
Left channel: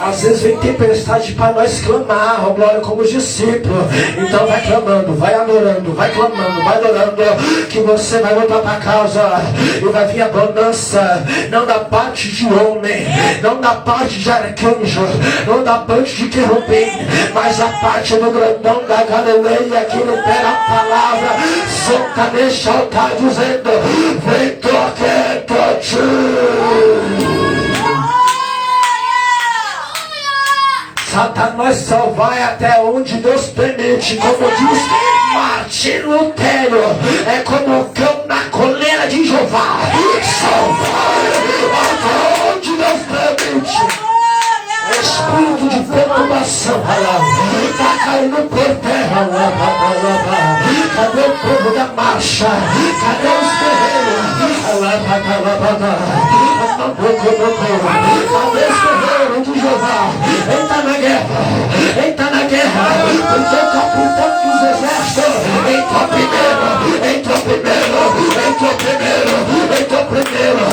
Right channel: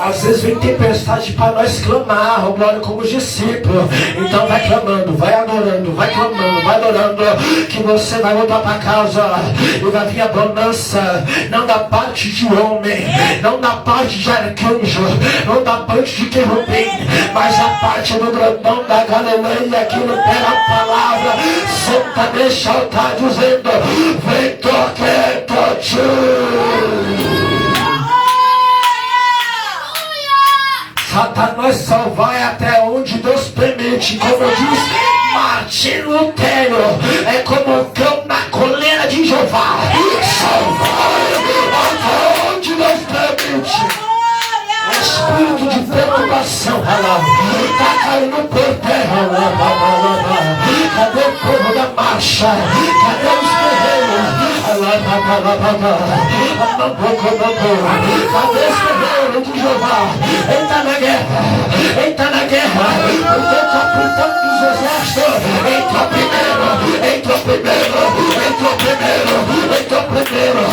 Às vezes vem tempestade para nós clamar, glória, como os discípulos. Então vai clamando, vai adorando, vai clamando, vai adorando, que você vai voltar para casa e vai vir a bonança, não da parte de homem, não da parte de arcanjo, não da parte de querubim, mas a parte do grandão da Galileia, que no pé da palavra senta neste altar dizendo: vem toque, toque. Satanás só vai até onde Deus permite. Como diz Martinho Lutero, é como o cão na coleira de Jeová. Só vai até onde Deus permite. Espírito de perturbação, está caindo por terra. Cadê o povo da marcha? Cadê os guerreiros? Cadê os guerreiros de Jeová? Entra na guerra, entra na guerra, porque o capitão dos exércitos entrou primeiro, entrou primeiro, entrou primeiro, entrou primeiro.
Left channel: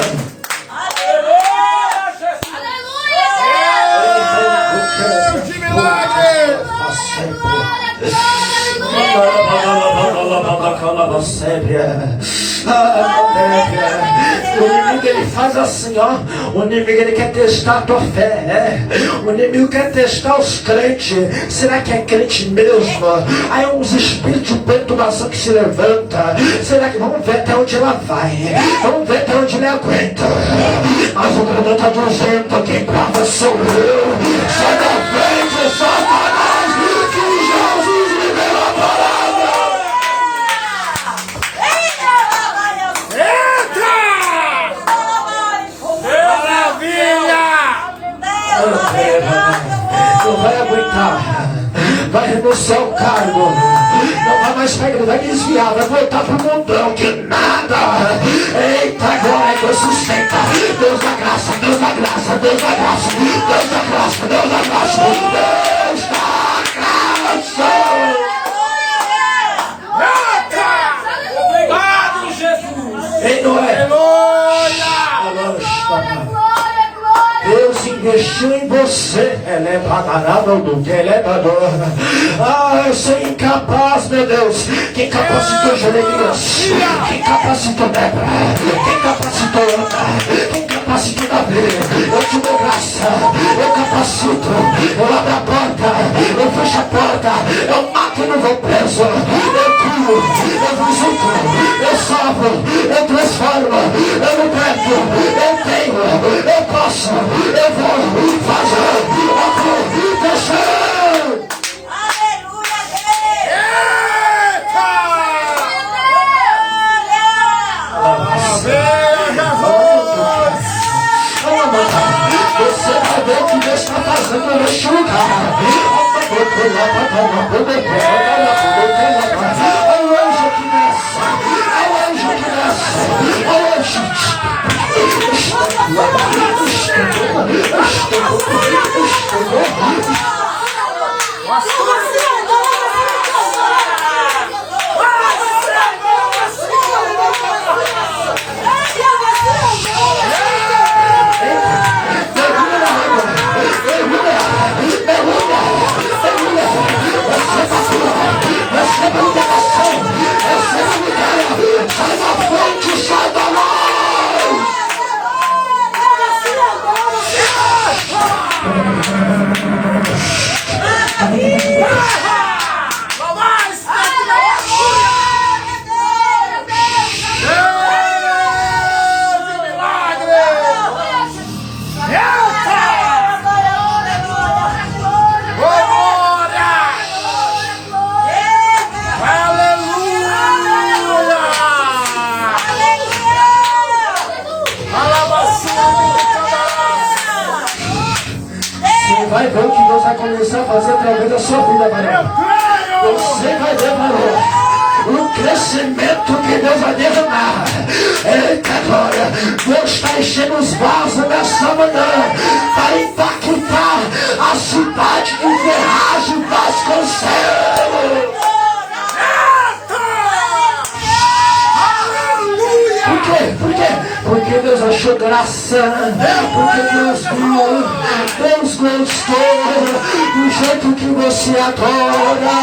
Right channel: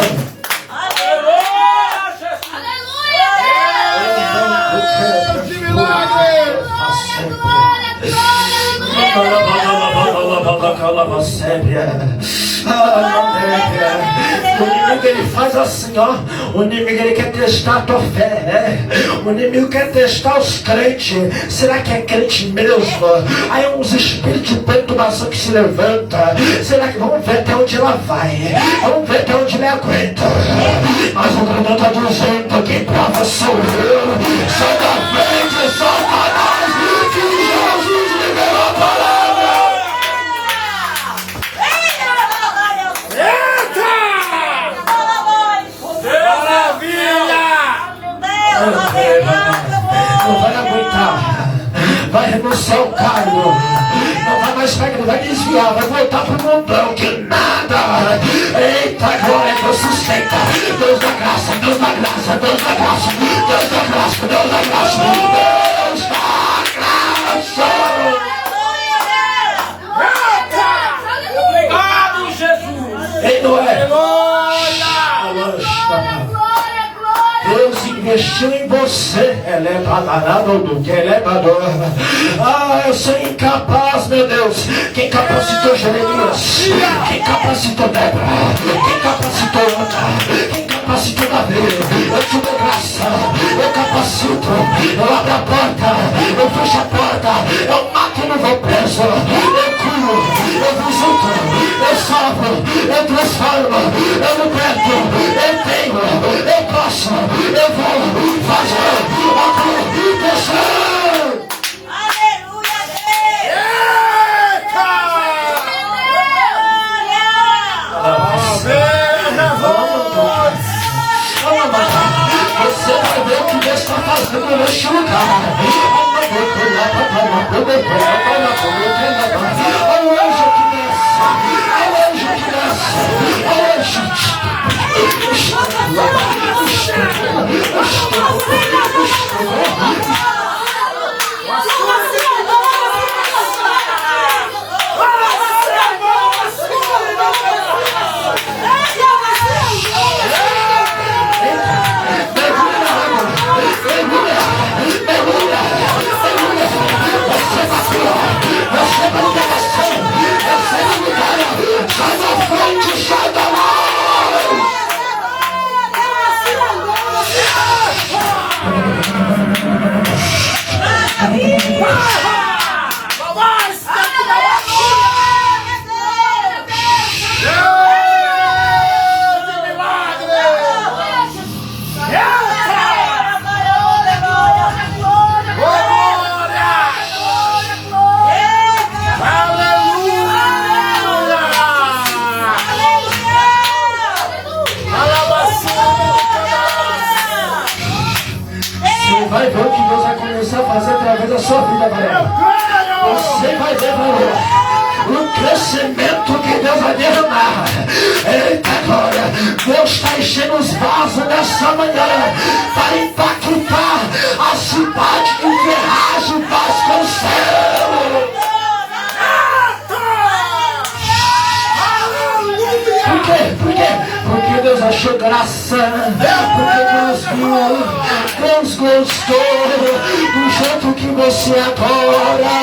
O inimigo ele faz assim, ó. O inimigo ele quer testar a tua fé, O inimigo quer testar os crentes. Será que é crente mesmo? Aí uns espíritos de perturbação que se levanta. Será que vamos ver até onde ela vai? Vamos ver até onde ele aguenta. Mas o grandão está dizendo: quem prova sou eu. Sai da frente, Satanás, que Jesus liberou a palavra. Não vai aguentar. Vai renunciar o cargo. Não vai mais pra igreja, vai desviar, vai voltar pro mundão, que nada. Eita, agora é Deus sustenta. Deus da graça, Deus da graça, Deus da graça, Deus da graça, Deus da graça, Deus da graça. Obrigado, Jesus. Ei, Noé. Deus investiu em você. Ela é badarado do que ela é bador. Ah, eu sou incapaz, meu Deus. Quem capacitou Jeremias? Quem capacitou Débora? Quem capacitou Ana? Quem capacitou Davi? Eu te dou graça. Eu capacito. Eu abro a porta. Eu fecho a porta. Eu mato e não vou preso. Eu curo. Eu visito. Eu salvo. Eu transformo. Eu liberto. Eu tenho. Eu posso. Eu vou fazer acontecer. Aleluia, Você vai ver o que Deus está fazendo neste lugar. Olha o anjo que desce. Olha o anjo que desce. Olha o anjo. Sai da frente, sai da mão! Vai ver o que Deus vai começar a fazer através da sua vida, varão. Você vai ver, varão, o crescimento que Deus vai derramar. Eita glória! Deus está enchendo os vasos nessa manhã para impactar a cidade de Ferraz e Vasconcelos. Por quê? Por quê? Porque Deus achou graça. Porque Deus gostou do jeito que você adora,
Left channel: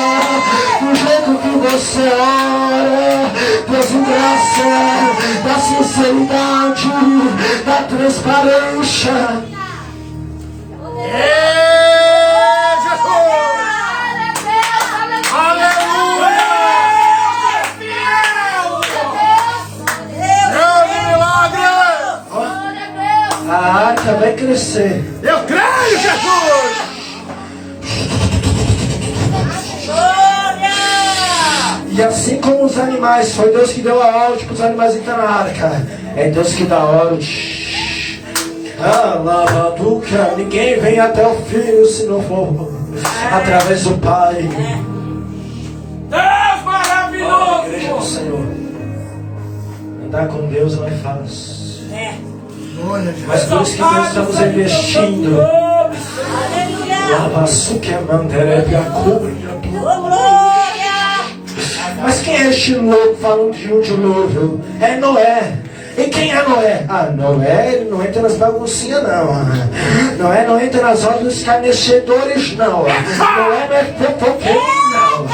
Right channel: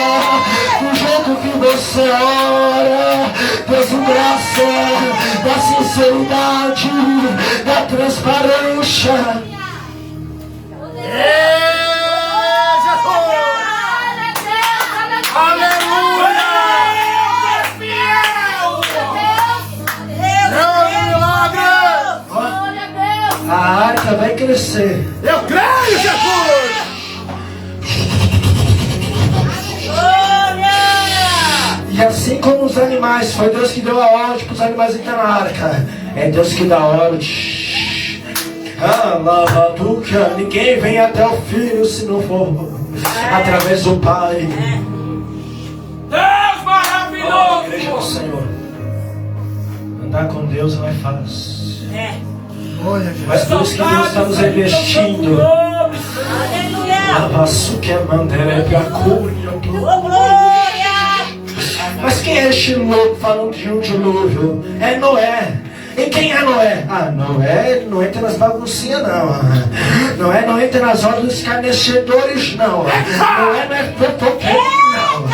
do jeito que você ora. Deus em graça, da sinceridade, da transparência. A arca vai crescer. Eu creio, Jesus! E assim como os animais, foi Deus que deu a ordem para os animais entrar na arca. É Deus que dá a ordem. Ninguém vem até o Filho se não for através do Pai. Deus maravilhoso! Igreja do Senhor. Andar com Deus não é fácil. Mas por isso que Deus está nos investindo. Mas quem é este louco falando de um dilúvio? É Noé. E quem é Noé? Ah, Noé, ele não entra nas baguncinhas, não. Noé não entra nas ordens dos escarnecedores, não. Noé não é fofoqueiro, não.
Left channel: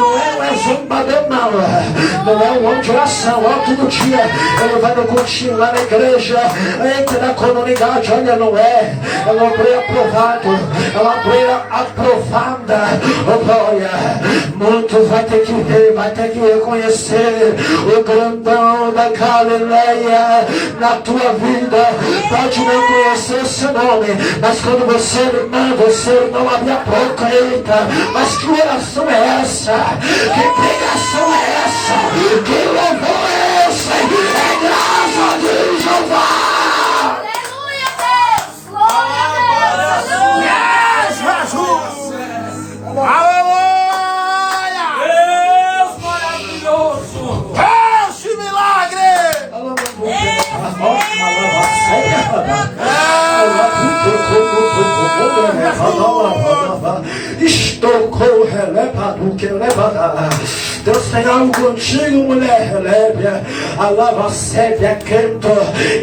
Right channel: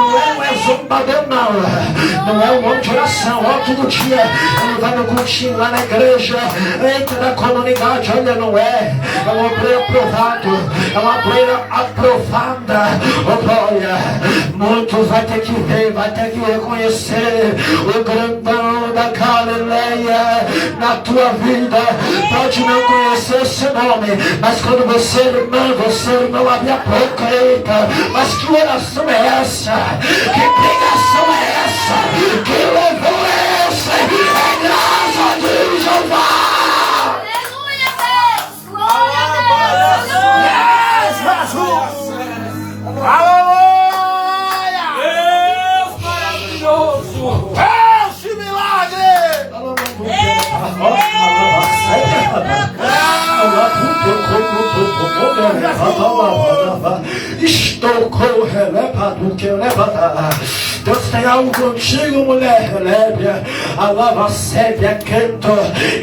Noé não é zombador, não. Não é um homem de oração. Ó, todo dia ele vai no cultinho lá na igreja, entra na comunidade. Olha, Noé é um obreiro aprovado, é uma obreira aprovada. Oh, glória. Muitos vai ter que ver, vai ter que reconhecer o grandão da Galileia na tua vida. Pode não conhecer o seu nome, mas quando você, irmão, abre a boca, eita, mas que oração é essa? Que pregação é essa? Que louvor é esse? É graça a Deus, Jeová! Aleluia, Deus! Glória a Deus! Yes, Jesus! Aleluia! Deus tem algo contigo, mulher. Alava sébia, canto.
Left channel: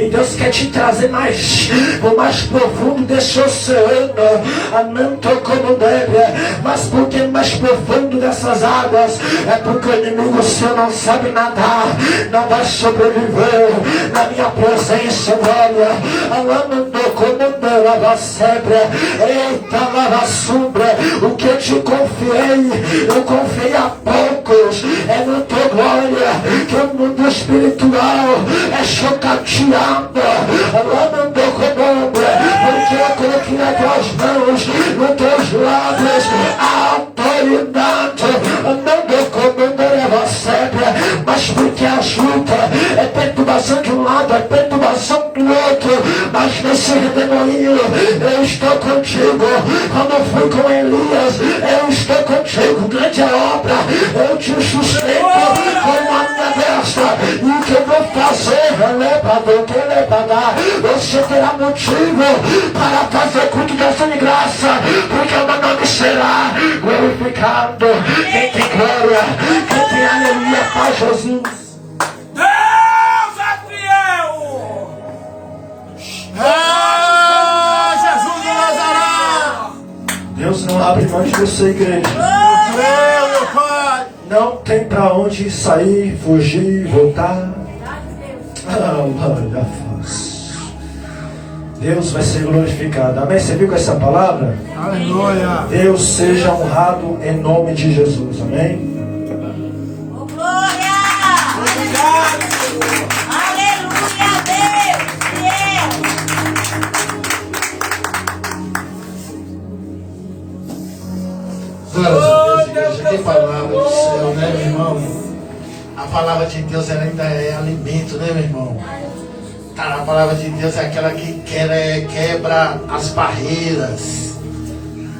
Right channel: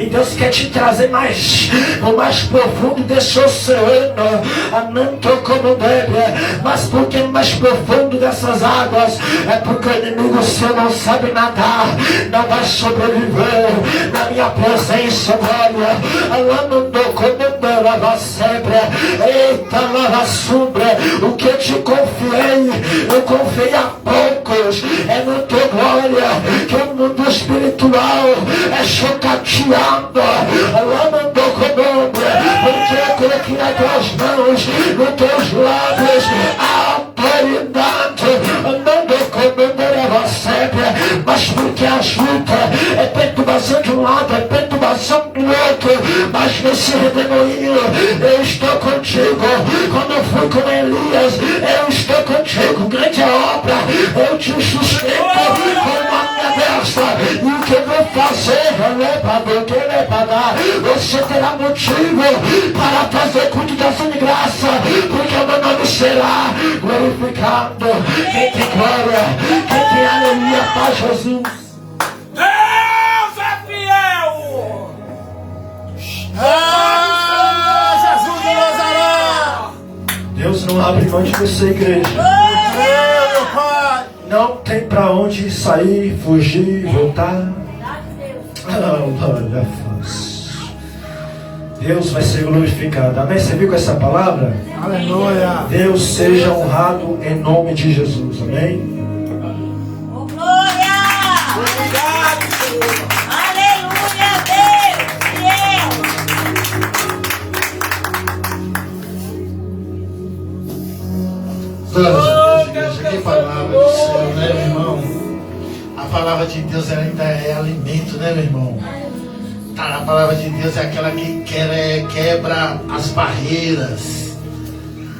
E Deus quer te trazer mais, o mais profundo desse oceano. Ananto como deve. Mas porque é mais profundo dessas águas? É porque o inimigo seu não sabe nadar, não vai sobreviver na minha presença, olha. Alando como lava sébia. Eita, lava sombra. O que eu te confiei, eu confiei a poucos. É no teu glória que o mundo espiritual é chocateado. Alando como porque eu coloquei nas tuas mãos, nos teus lábios, a autoridade. Andando como leva sempre, mas porque a luta é perturbação de um lado, é perturbação do outro, mas nesse redemoinho eu estou contigo. Quando eu fui com Elias, eu estou contigo. Grande obra, eu te sustento com a minha destra. E o que eu vou fazer, você terá motivo para fazer culto da sua graça, porque o meu nome será glorificado. Quem tem glória, quem tem aleluia para Jesus. Deus é fiel! Ah, Jesus de Nazaré! Deus não abre mão de você, igreja. Creio, meu Pai! Não tem pra onde sair, fugir, voltar. Olha, Deus vai ser glorificado. Amém? Você viu com essa palavra? Aleluia! Deus seja honrado em nome de Jesus. Amém? Oh, glória! Obrigado, Senhor. Aleluia, Deus! Fiel! Glória a Deus, igreja. Que palavra do céu, né, meu irmão? A palavra de Deus ela ainda é alimento, né, meu irmão? Cara, a palavra de Deus é aquela que quebra as barreiras.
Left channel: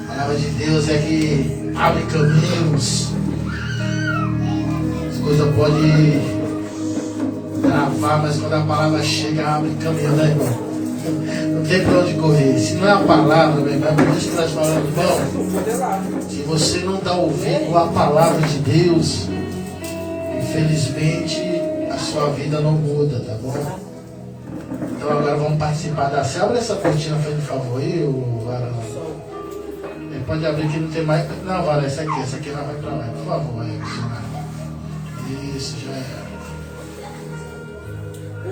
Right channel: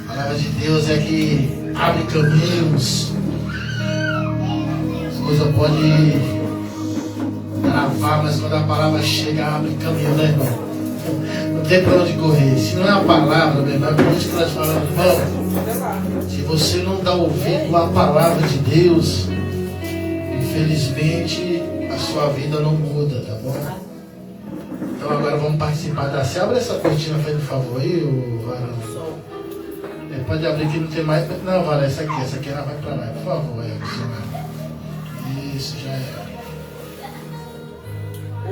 A palavra de Deus é que abre caminhos. As coisas podem travar, mas quando a palavra chega, abre caminho, né, irmão? Não tem pra onde correr. Se não é a palavra, meu irmão, por isso que nós falamos, irmão. Se você não dá ouvido à palavra de Deus, infelizmente a sua vida não muda, tá bom? Então agora vamos participar da ceia. Abre essa cortina, faz um favor aí, o Varão. Pode abrir que não tem mais. Não, Varão, essa aqui ela vai pra lá, por favor. Isso, já é.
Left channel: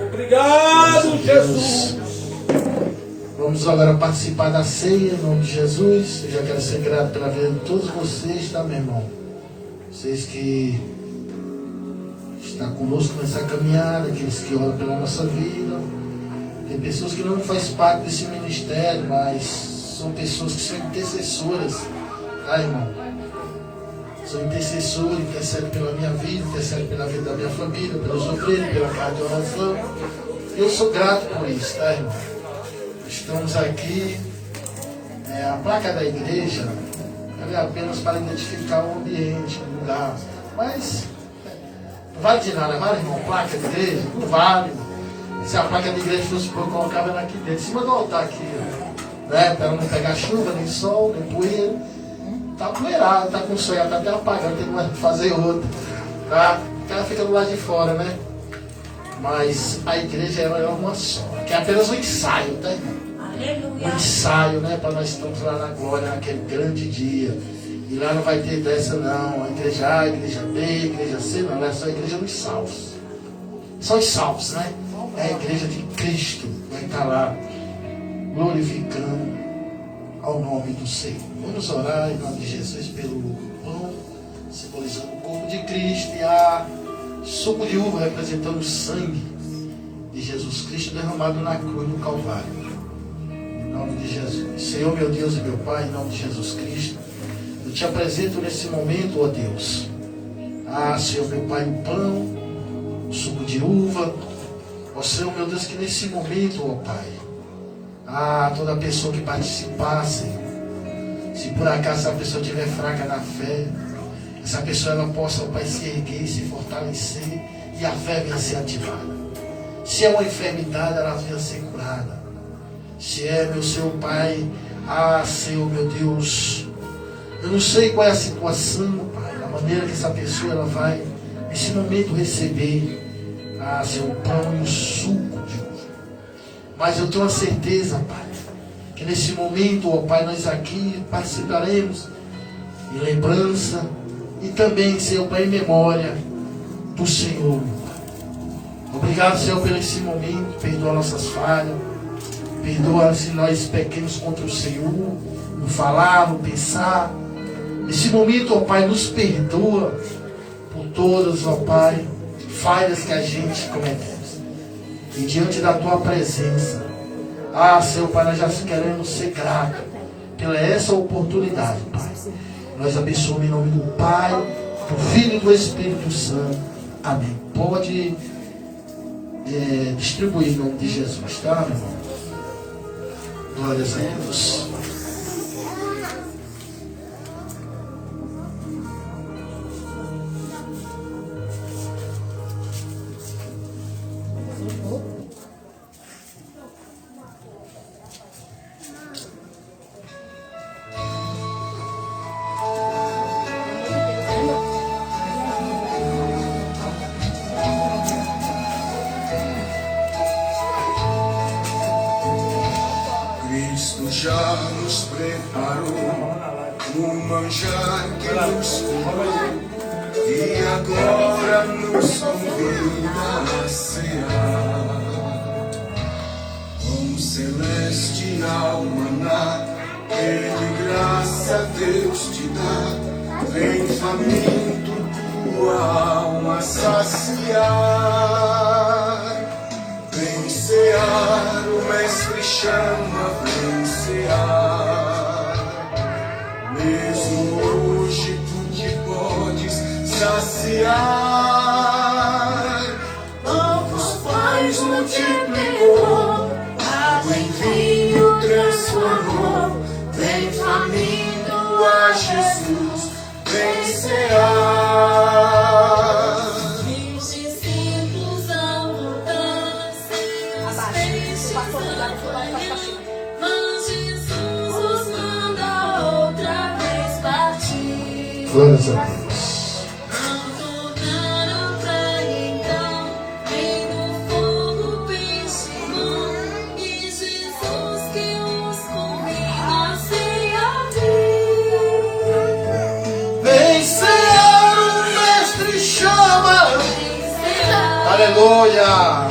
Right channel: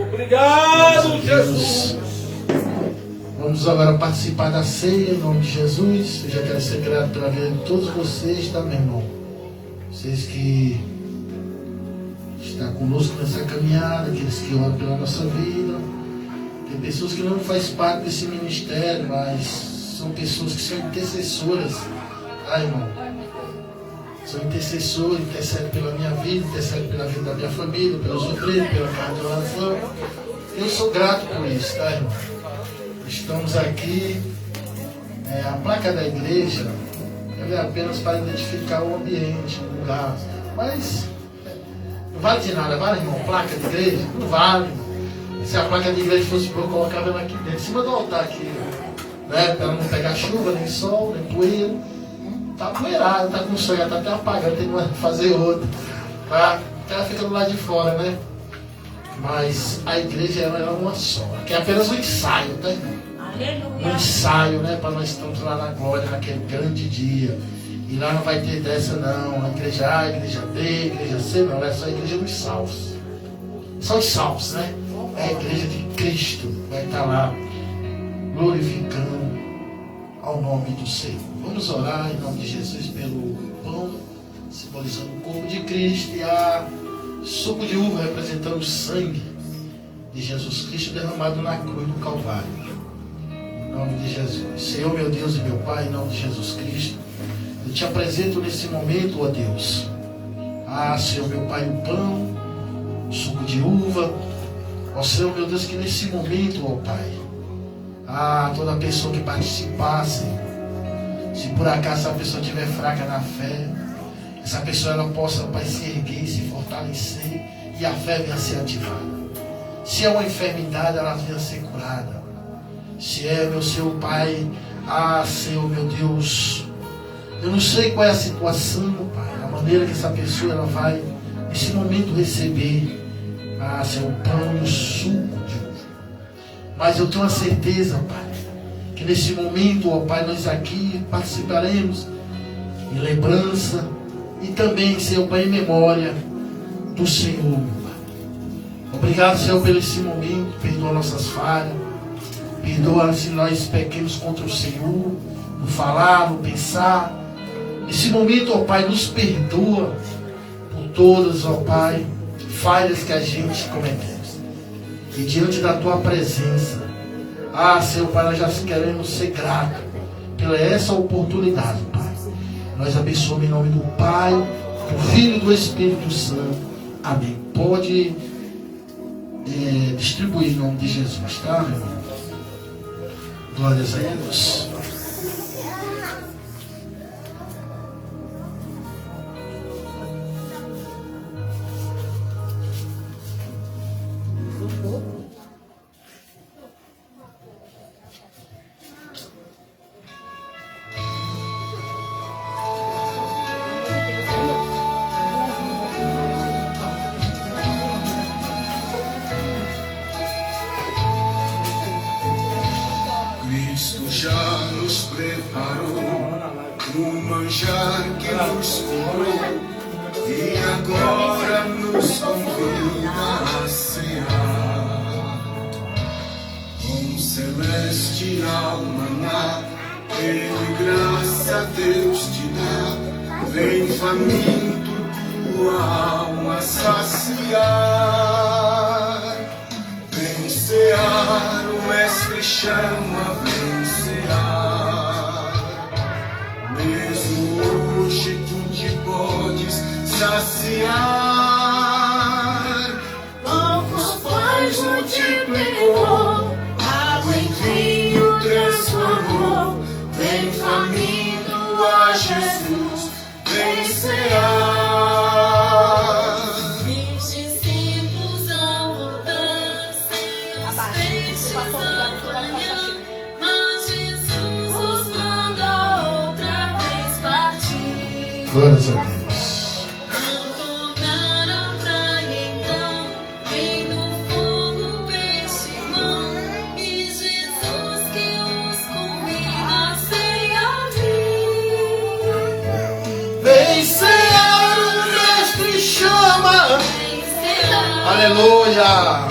Obrigado, Jesus. Vamos agora participar da ceia em nome de Jesus. Eu já quero ser grato pela vida de todos vocês, tá, meu irmão? Vocês que estão conosco nessa caminhada, aqueles que oram pela nossa vida. Tem pessoas que não fazem parte desse ministério, mas são pessoas que são intercessoras, tá, irmão? São intercessores, intercedem pela minha vida, intercedem pela vida da minha família, pelos obreiros, pela casa de oração. Eu sou grato por isso, tá, irmão? Estamos aqui, a placa da igreja é apenas para identificar o ambiente, o lugar. Mas não vale de nada, vale, irmão? Placa de igreja? Não vale. Se a placa de igreja fosse boa, colocava ela aqui dentro, em cima do altar aqui, né? Para ela não pegar chuva, nem sol, nem poeira. Tá poeirado, tá com sonho, tá até apagando, tem que fazer outro. Tá? Ela fica do lado de fora, né? Mas a igreja é uma só, que é apenas um ensaio, tá? Um ensaio, né? Para nós estamos lá na glória, naquele grande dia. E lá não vai ter dessa não, a igreja A, a igreja B, a igreja C, não, é só a igreja dos salvos. São os salvos, né? É a igreja de Cristo, vai estar lá glorificando ao nome do Senhor. Vamos orar em nome de Jesus pelo pão, simbolizando o corpo de Cristo, e a suco de uva representando o sangue de Jesus Cristo derramado na cruz do Calvário. Em nome de Jesus. Senhor, meu Deus e meu Pai, em nome de Jesus Cristo, eu te apresento nesse momento, ó Deus. Senhor, meu Pai, o pão, o suco de uva. Ó Senhor, meu Deus, que nesse momento, ó Pai, toda pessoa que participasse, se por acaso essa pessoa estiver fraca na fé, essa pessoa ela possa, Pai, se erguer, se fortalecer e a fé venha ser ativada. Se é uma enfermidade, ela venha ser curada. Se é, meu Senhor Pai, Senhor, meu Deus, Eu não sei qual é a situação, Pai, a maneira que essa pessoa ela vai, nesse momento, receber seu pão e o suco de uva. Mas eu tenho a certeza, Pai, que nesse momento, ó Pai, nós aqui participaremos em lembrança e também, Senhor Pai, em memória do Senhor, meu Pai. Obrigado, Senhor, por esse momento. Perdoa nossas falhas. Perdoa se nós pequemos contra o Senhor, no falar, no pensar. Nesse momento, ó Pai, nos perdoa por todas, ó Pai, falhas que a gente cometemos. E diante da Tua presença, Senhor Pai, nós já queremos ser gratos pela essa oportunidade, Pai. Nós abençoamos em nome do Pai, do Filho e do Espírito Santo. Amém. Pode distribuir em nome de Jesus, tá, meu irmão? Glórias a Deus. Cristo já nos preparou no manjar que nos curou e agora nos convida a cear. Com celestial maná, Ele graça a Deus te dá. Vem faminto tua alma saciar. Vem cear, o Mestre chama, vem cear. Mesmo hoje tu te podes saciar. Novos pães multiplicou, água em vinho transformou. Vem faminto a Jesus, vem cear. Glórias a Deus. Vem cear, o Mestre chama. Aleluia.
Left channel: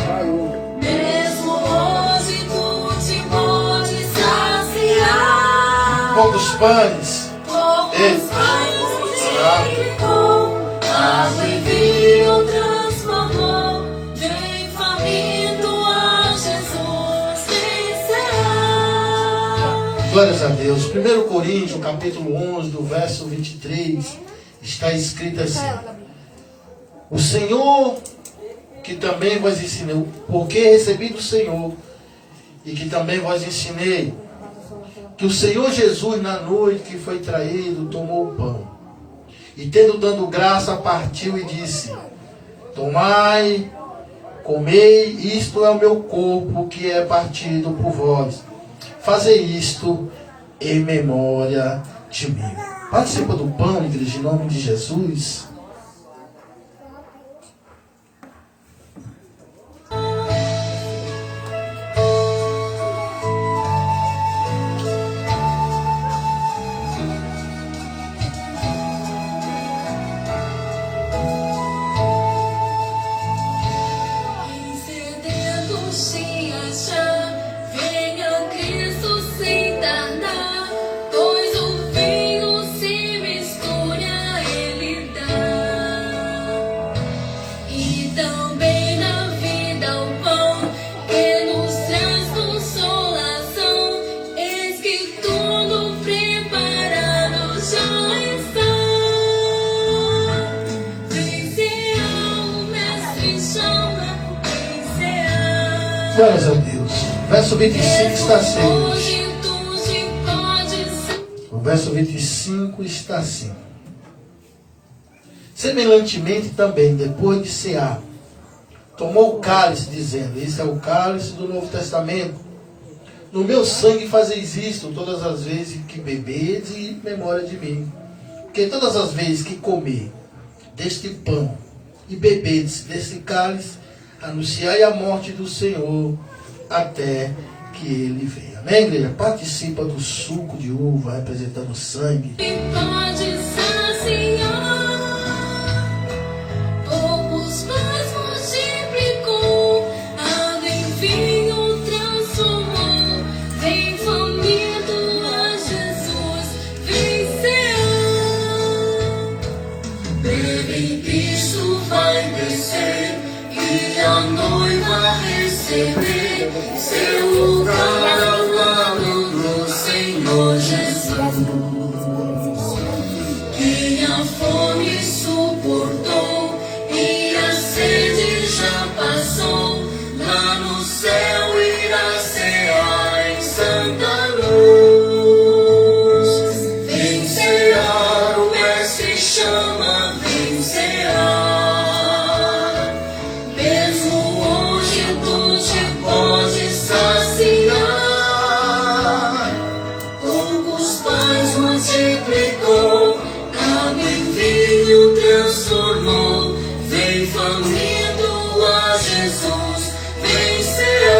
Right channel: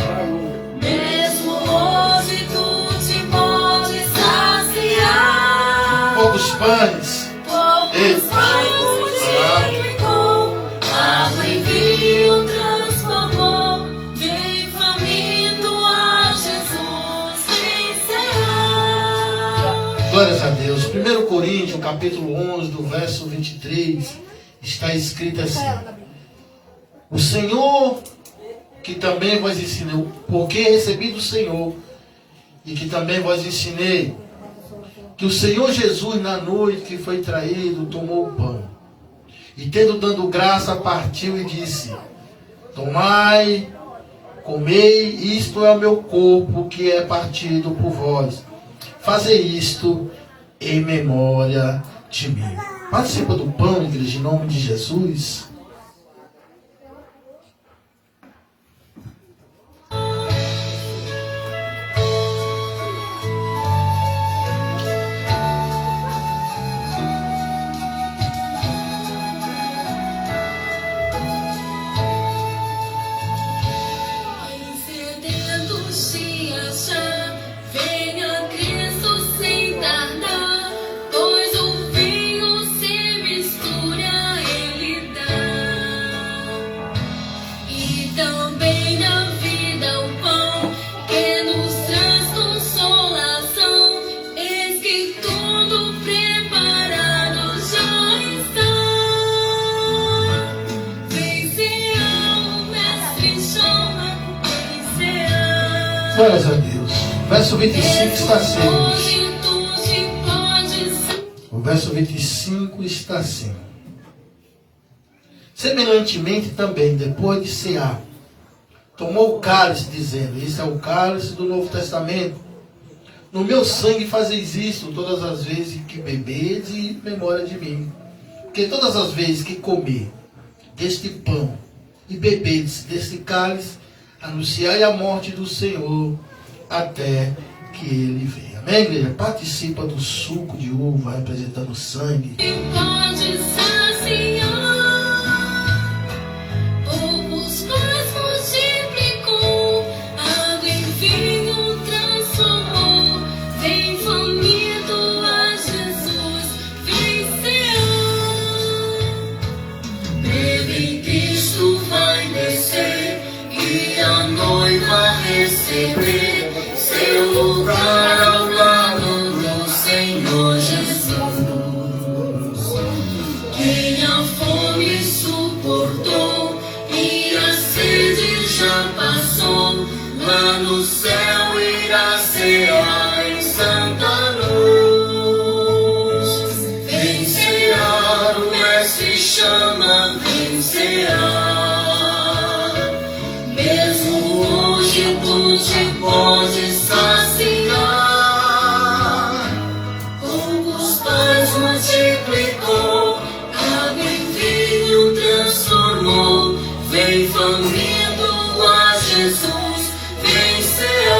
Mesmo hoje tu te podes saciar. Qual dos pães? Poucos pães multiplicou, água em vinho transformou. Vem faminto a Jesus, vem cear. Glórias a Deus. 1 Coríntios, capítulo 11, do verso 23, está escrito assim: o Senhor que também vos ensinei, porque recebi do Senhor, e que também vos ensinei, que o Senhor Jesus, na noite que foi traído, tomou o pão, e tendo dado graça, partiu e disse: tomai, comei, isto é o meu corpo, que é partido por vós. Fazei isto em memória de mim. Participa do pão, igreja, em nome de Jesus. Glórias a Deus. Verso 25 está assim. O verso 25 está assim: semelhantemente também, depois de cear, tomou o cálice, dizendo: esse é o cálice do Novo Testamento. No meu sangue fazeis isto todas as vezes que bebedes, em memória de mim. Porque todas as vezes que comer deste pão e beber deste cálice, anunciai a morte do Senhor até que ele venha. Amém, igreja? Participa do suco de uva representando o sangue. Pode saciar, poucos pães multiplicou, água em vinho transformou, vem faminto a Jesus vencerá. Bebe, Cristo vai descer e a noiva receber seu lugar ao lado do Senhor Jesus. Quem a fome suportou e a sede já passou, lá no céu irá será em santa luz. Vencerá, o Mestre chama, vencerá. Mesmo hoje tu te podes saciar, poucos pães multiplicou, água em vinho transformou, vem faminto a Jesus vencerá.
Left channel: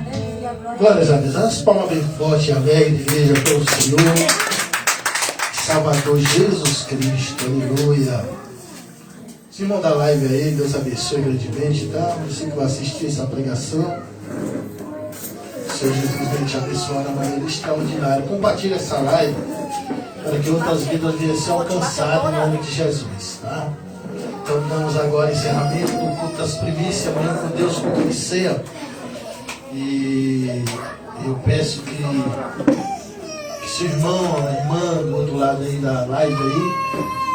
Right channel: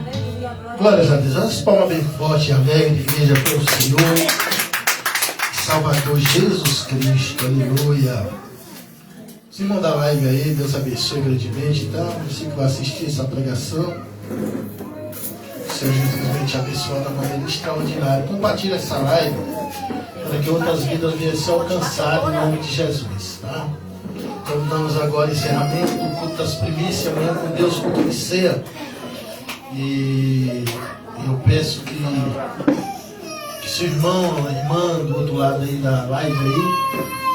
Aleluia, glória. Glórias a Deus. As palmas bem forte e alegre, igreja, pelo Senhor, Salvador Jesus Cristo. Aleluia. Os irmãos da live aí, Deus abençoe grandemente, tá? Você que vai assistir essa pregação, seja simplesmente abençoado de uma maneira extraordinária. Compartilhe essa live para que outras vidas venham ser alcançadas em nome de Jesus, tá? Então damos agora encerramento do culto das primícias, amanhã com Deus, culto de ceia. E eu peço que seu irmão, a irmã do outro lado aí da live aí,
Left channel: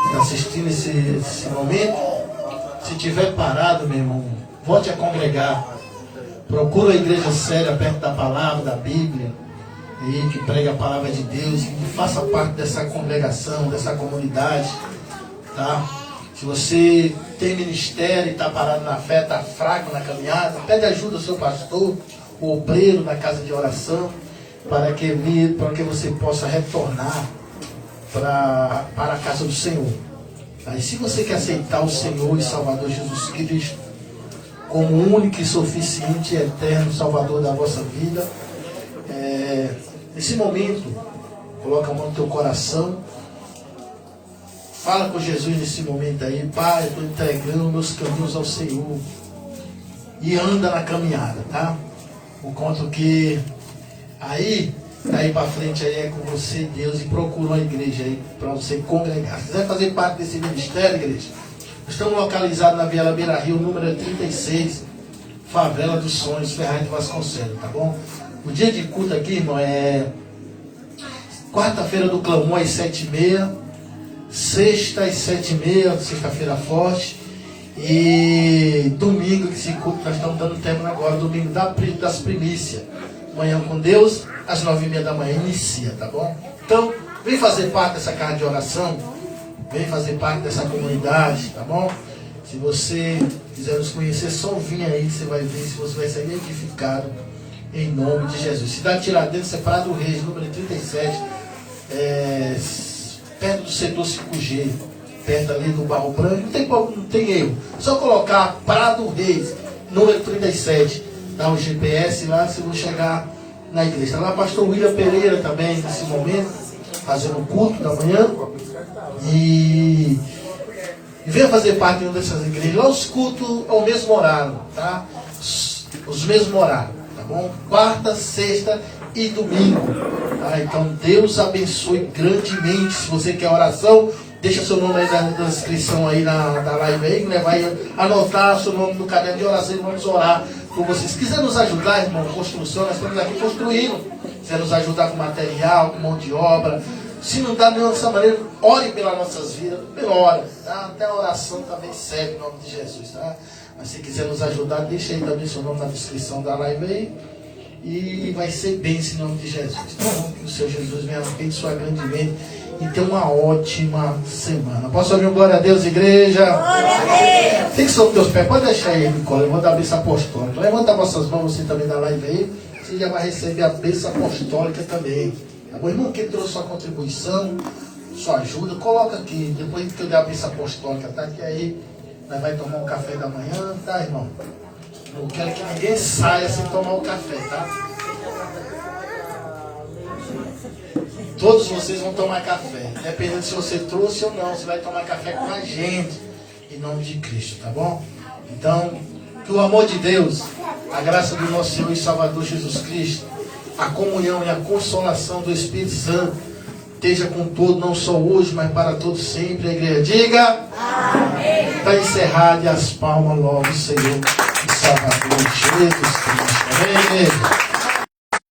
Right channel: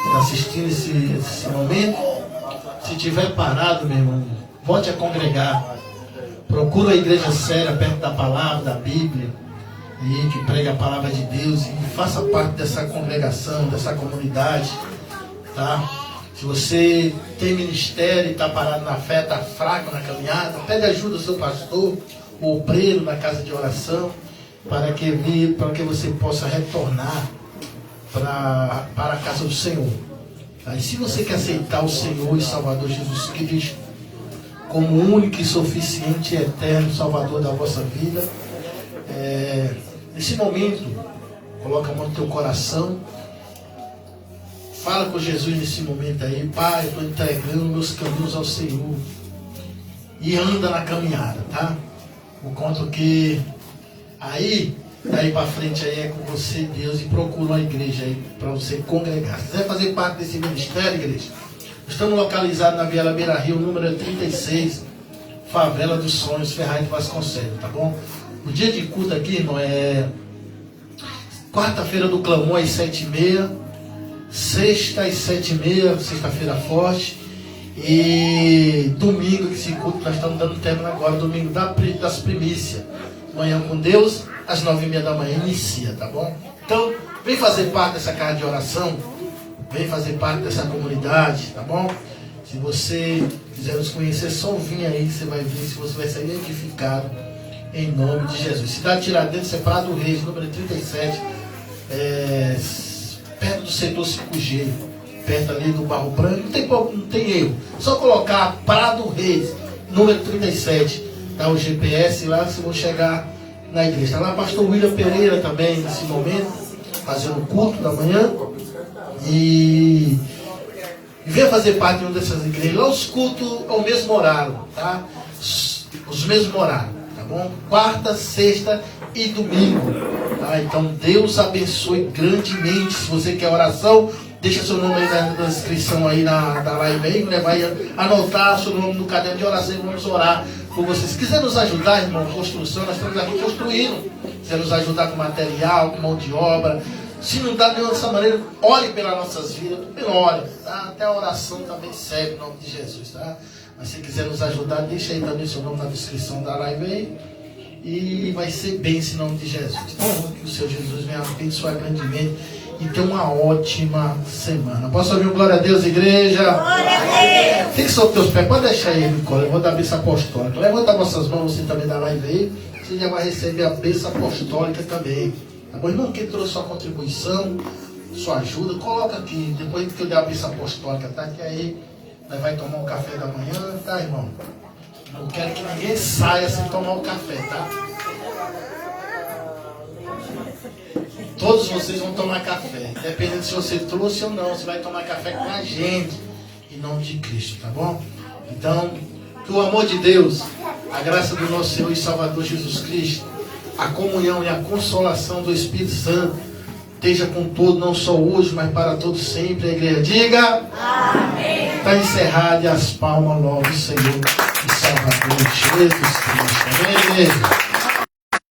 está assistindo esse momento, se tiver parado, meu irmão, volte a congregar. Procura a igreja séria perto da palavra, da Bíblia, e que pregue a palavra de Deus e faça parte dessa congregação, dessa comunidade, tá? Se você tem ministério e está parado na fé, está fraco na caminhada, pede ajuda ao seu pastor, o obreiro na casa de oração, para que você possa retornar para a casa do Senhor. Aí, se você quer aceitar o Senhor e Salvador Jesus Cristo como único e suficiente e eterno Salvador da vossa vida, nesse momento, coloca a mão no teu coração, fala com Jesus nesse momento aí: Pai, estou entregando meus caminhos ao Senhor, e anda na caminhada, tá? Por conta que aí, daí para frente aí é com você, Deus, e procura uma igreja aí para você congregar. Se quiser fazer parte desse ministério, igreja, estamos localizados na Viela Beira Rio, número 36, Favela dos Sonhos, Ferraz de Vasconcelos, tá bom? O dia de culto aqui, irmão, é quarta-feira do clamor às 7h30, sexta às 7h30, sexta-feira forte, e domingo, que esse culto nós estamos dando tempo agora, domingo das primícias. Manhã com Deus, às 9h30 da manhã, inicia, tá bom? Então, vem fazer parte dessa casa de oração, vem fazer parte dessa comunidade, tá bom? Se você quiser nos conhecer, só vir aí, você vai ver se você vai ser edificado em nome de Jesus. Cidade Tiradentes, separado do Reis, número 37, perto do setor 5G, perto ali do Barro Branco, não tem erro. Só colocar Prado Reis, número 37, dá o GPS lá, vocês vão chegar na igreja. Está lá o pastor William Pereira também, nesse momento, fazendo o culto da manhã. E venha fazer parte de uma dessas igrejas. Lá os cultos ao mesmo horário, tá? Os mesmos horários, tá bom? Quarta, sexta e domingo. Tá? Então Deus abençoe grandemente. Se você quer oração, deixa seu nome aí na descrição aí da live aí, né? Vai anotar seu nome no caderno de oração e vamos orar por vocês. Se quiser nos ajudar, irmão, construção, nós estamos aqui construindo. Se quiser nos ajudar com material, com mão de obra, se não dá nenhuma dessa maneira, ore pelas nossas vidas, primeiro ora, tá? Até a oração também serve em nome de Jesus, tá? Mas se quiser nos ajudar, deixa aí também seu nome na descrição da live aí. E vai ser bênção em nome de Jesus, tá bom? Que o Senhor Jesus venha abençoar grandemente e ter uma ótima semana. Posso ouvir um glória a Deus, igreja? Glória a Deus. Fique sobre os teus pés, pode deixar aí, Nicole, eu vou dar a bênção apostólica. Levanta vossas mãos, você também da live aí. você já vai receber a bênção apostólica também. Tá bom, irmão? Quem trouxe sua contribuição, sua ajuda, coloca aqui. Depois que eu der a bênção apostólica, tá? Que aí nós vai tomar um café da manhã, tá, irmão? Não quero que ninguém saia sem tomar o café, tá? Todos vocês vão tomar café. Dependendo se você trouxe ou não, você vai tomar café com a gente. Em nome de Cristo, tá bom? Então, que o amor de Deus, a graça do nosso Senhor e Salvador Jesus Cristo, a comunhão e a consolação do Espírito Santo esteja com todos, não só hoje, mas para todos sempre. A igreja diga amém. Está encerrado e as palmas logo, Senhor e Salvador Jesus Cristo. Amém.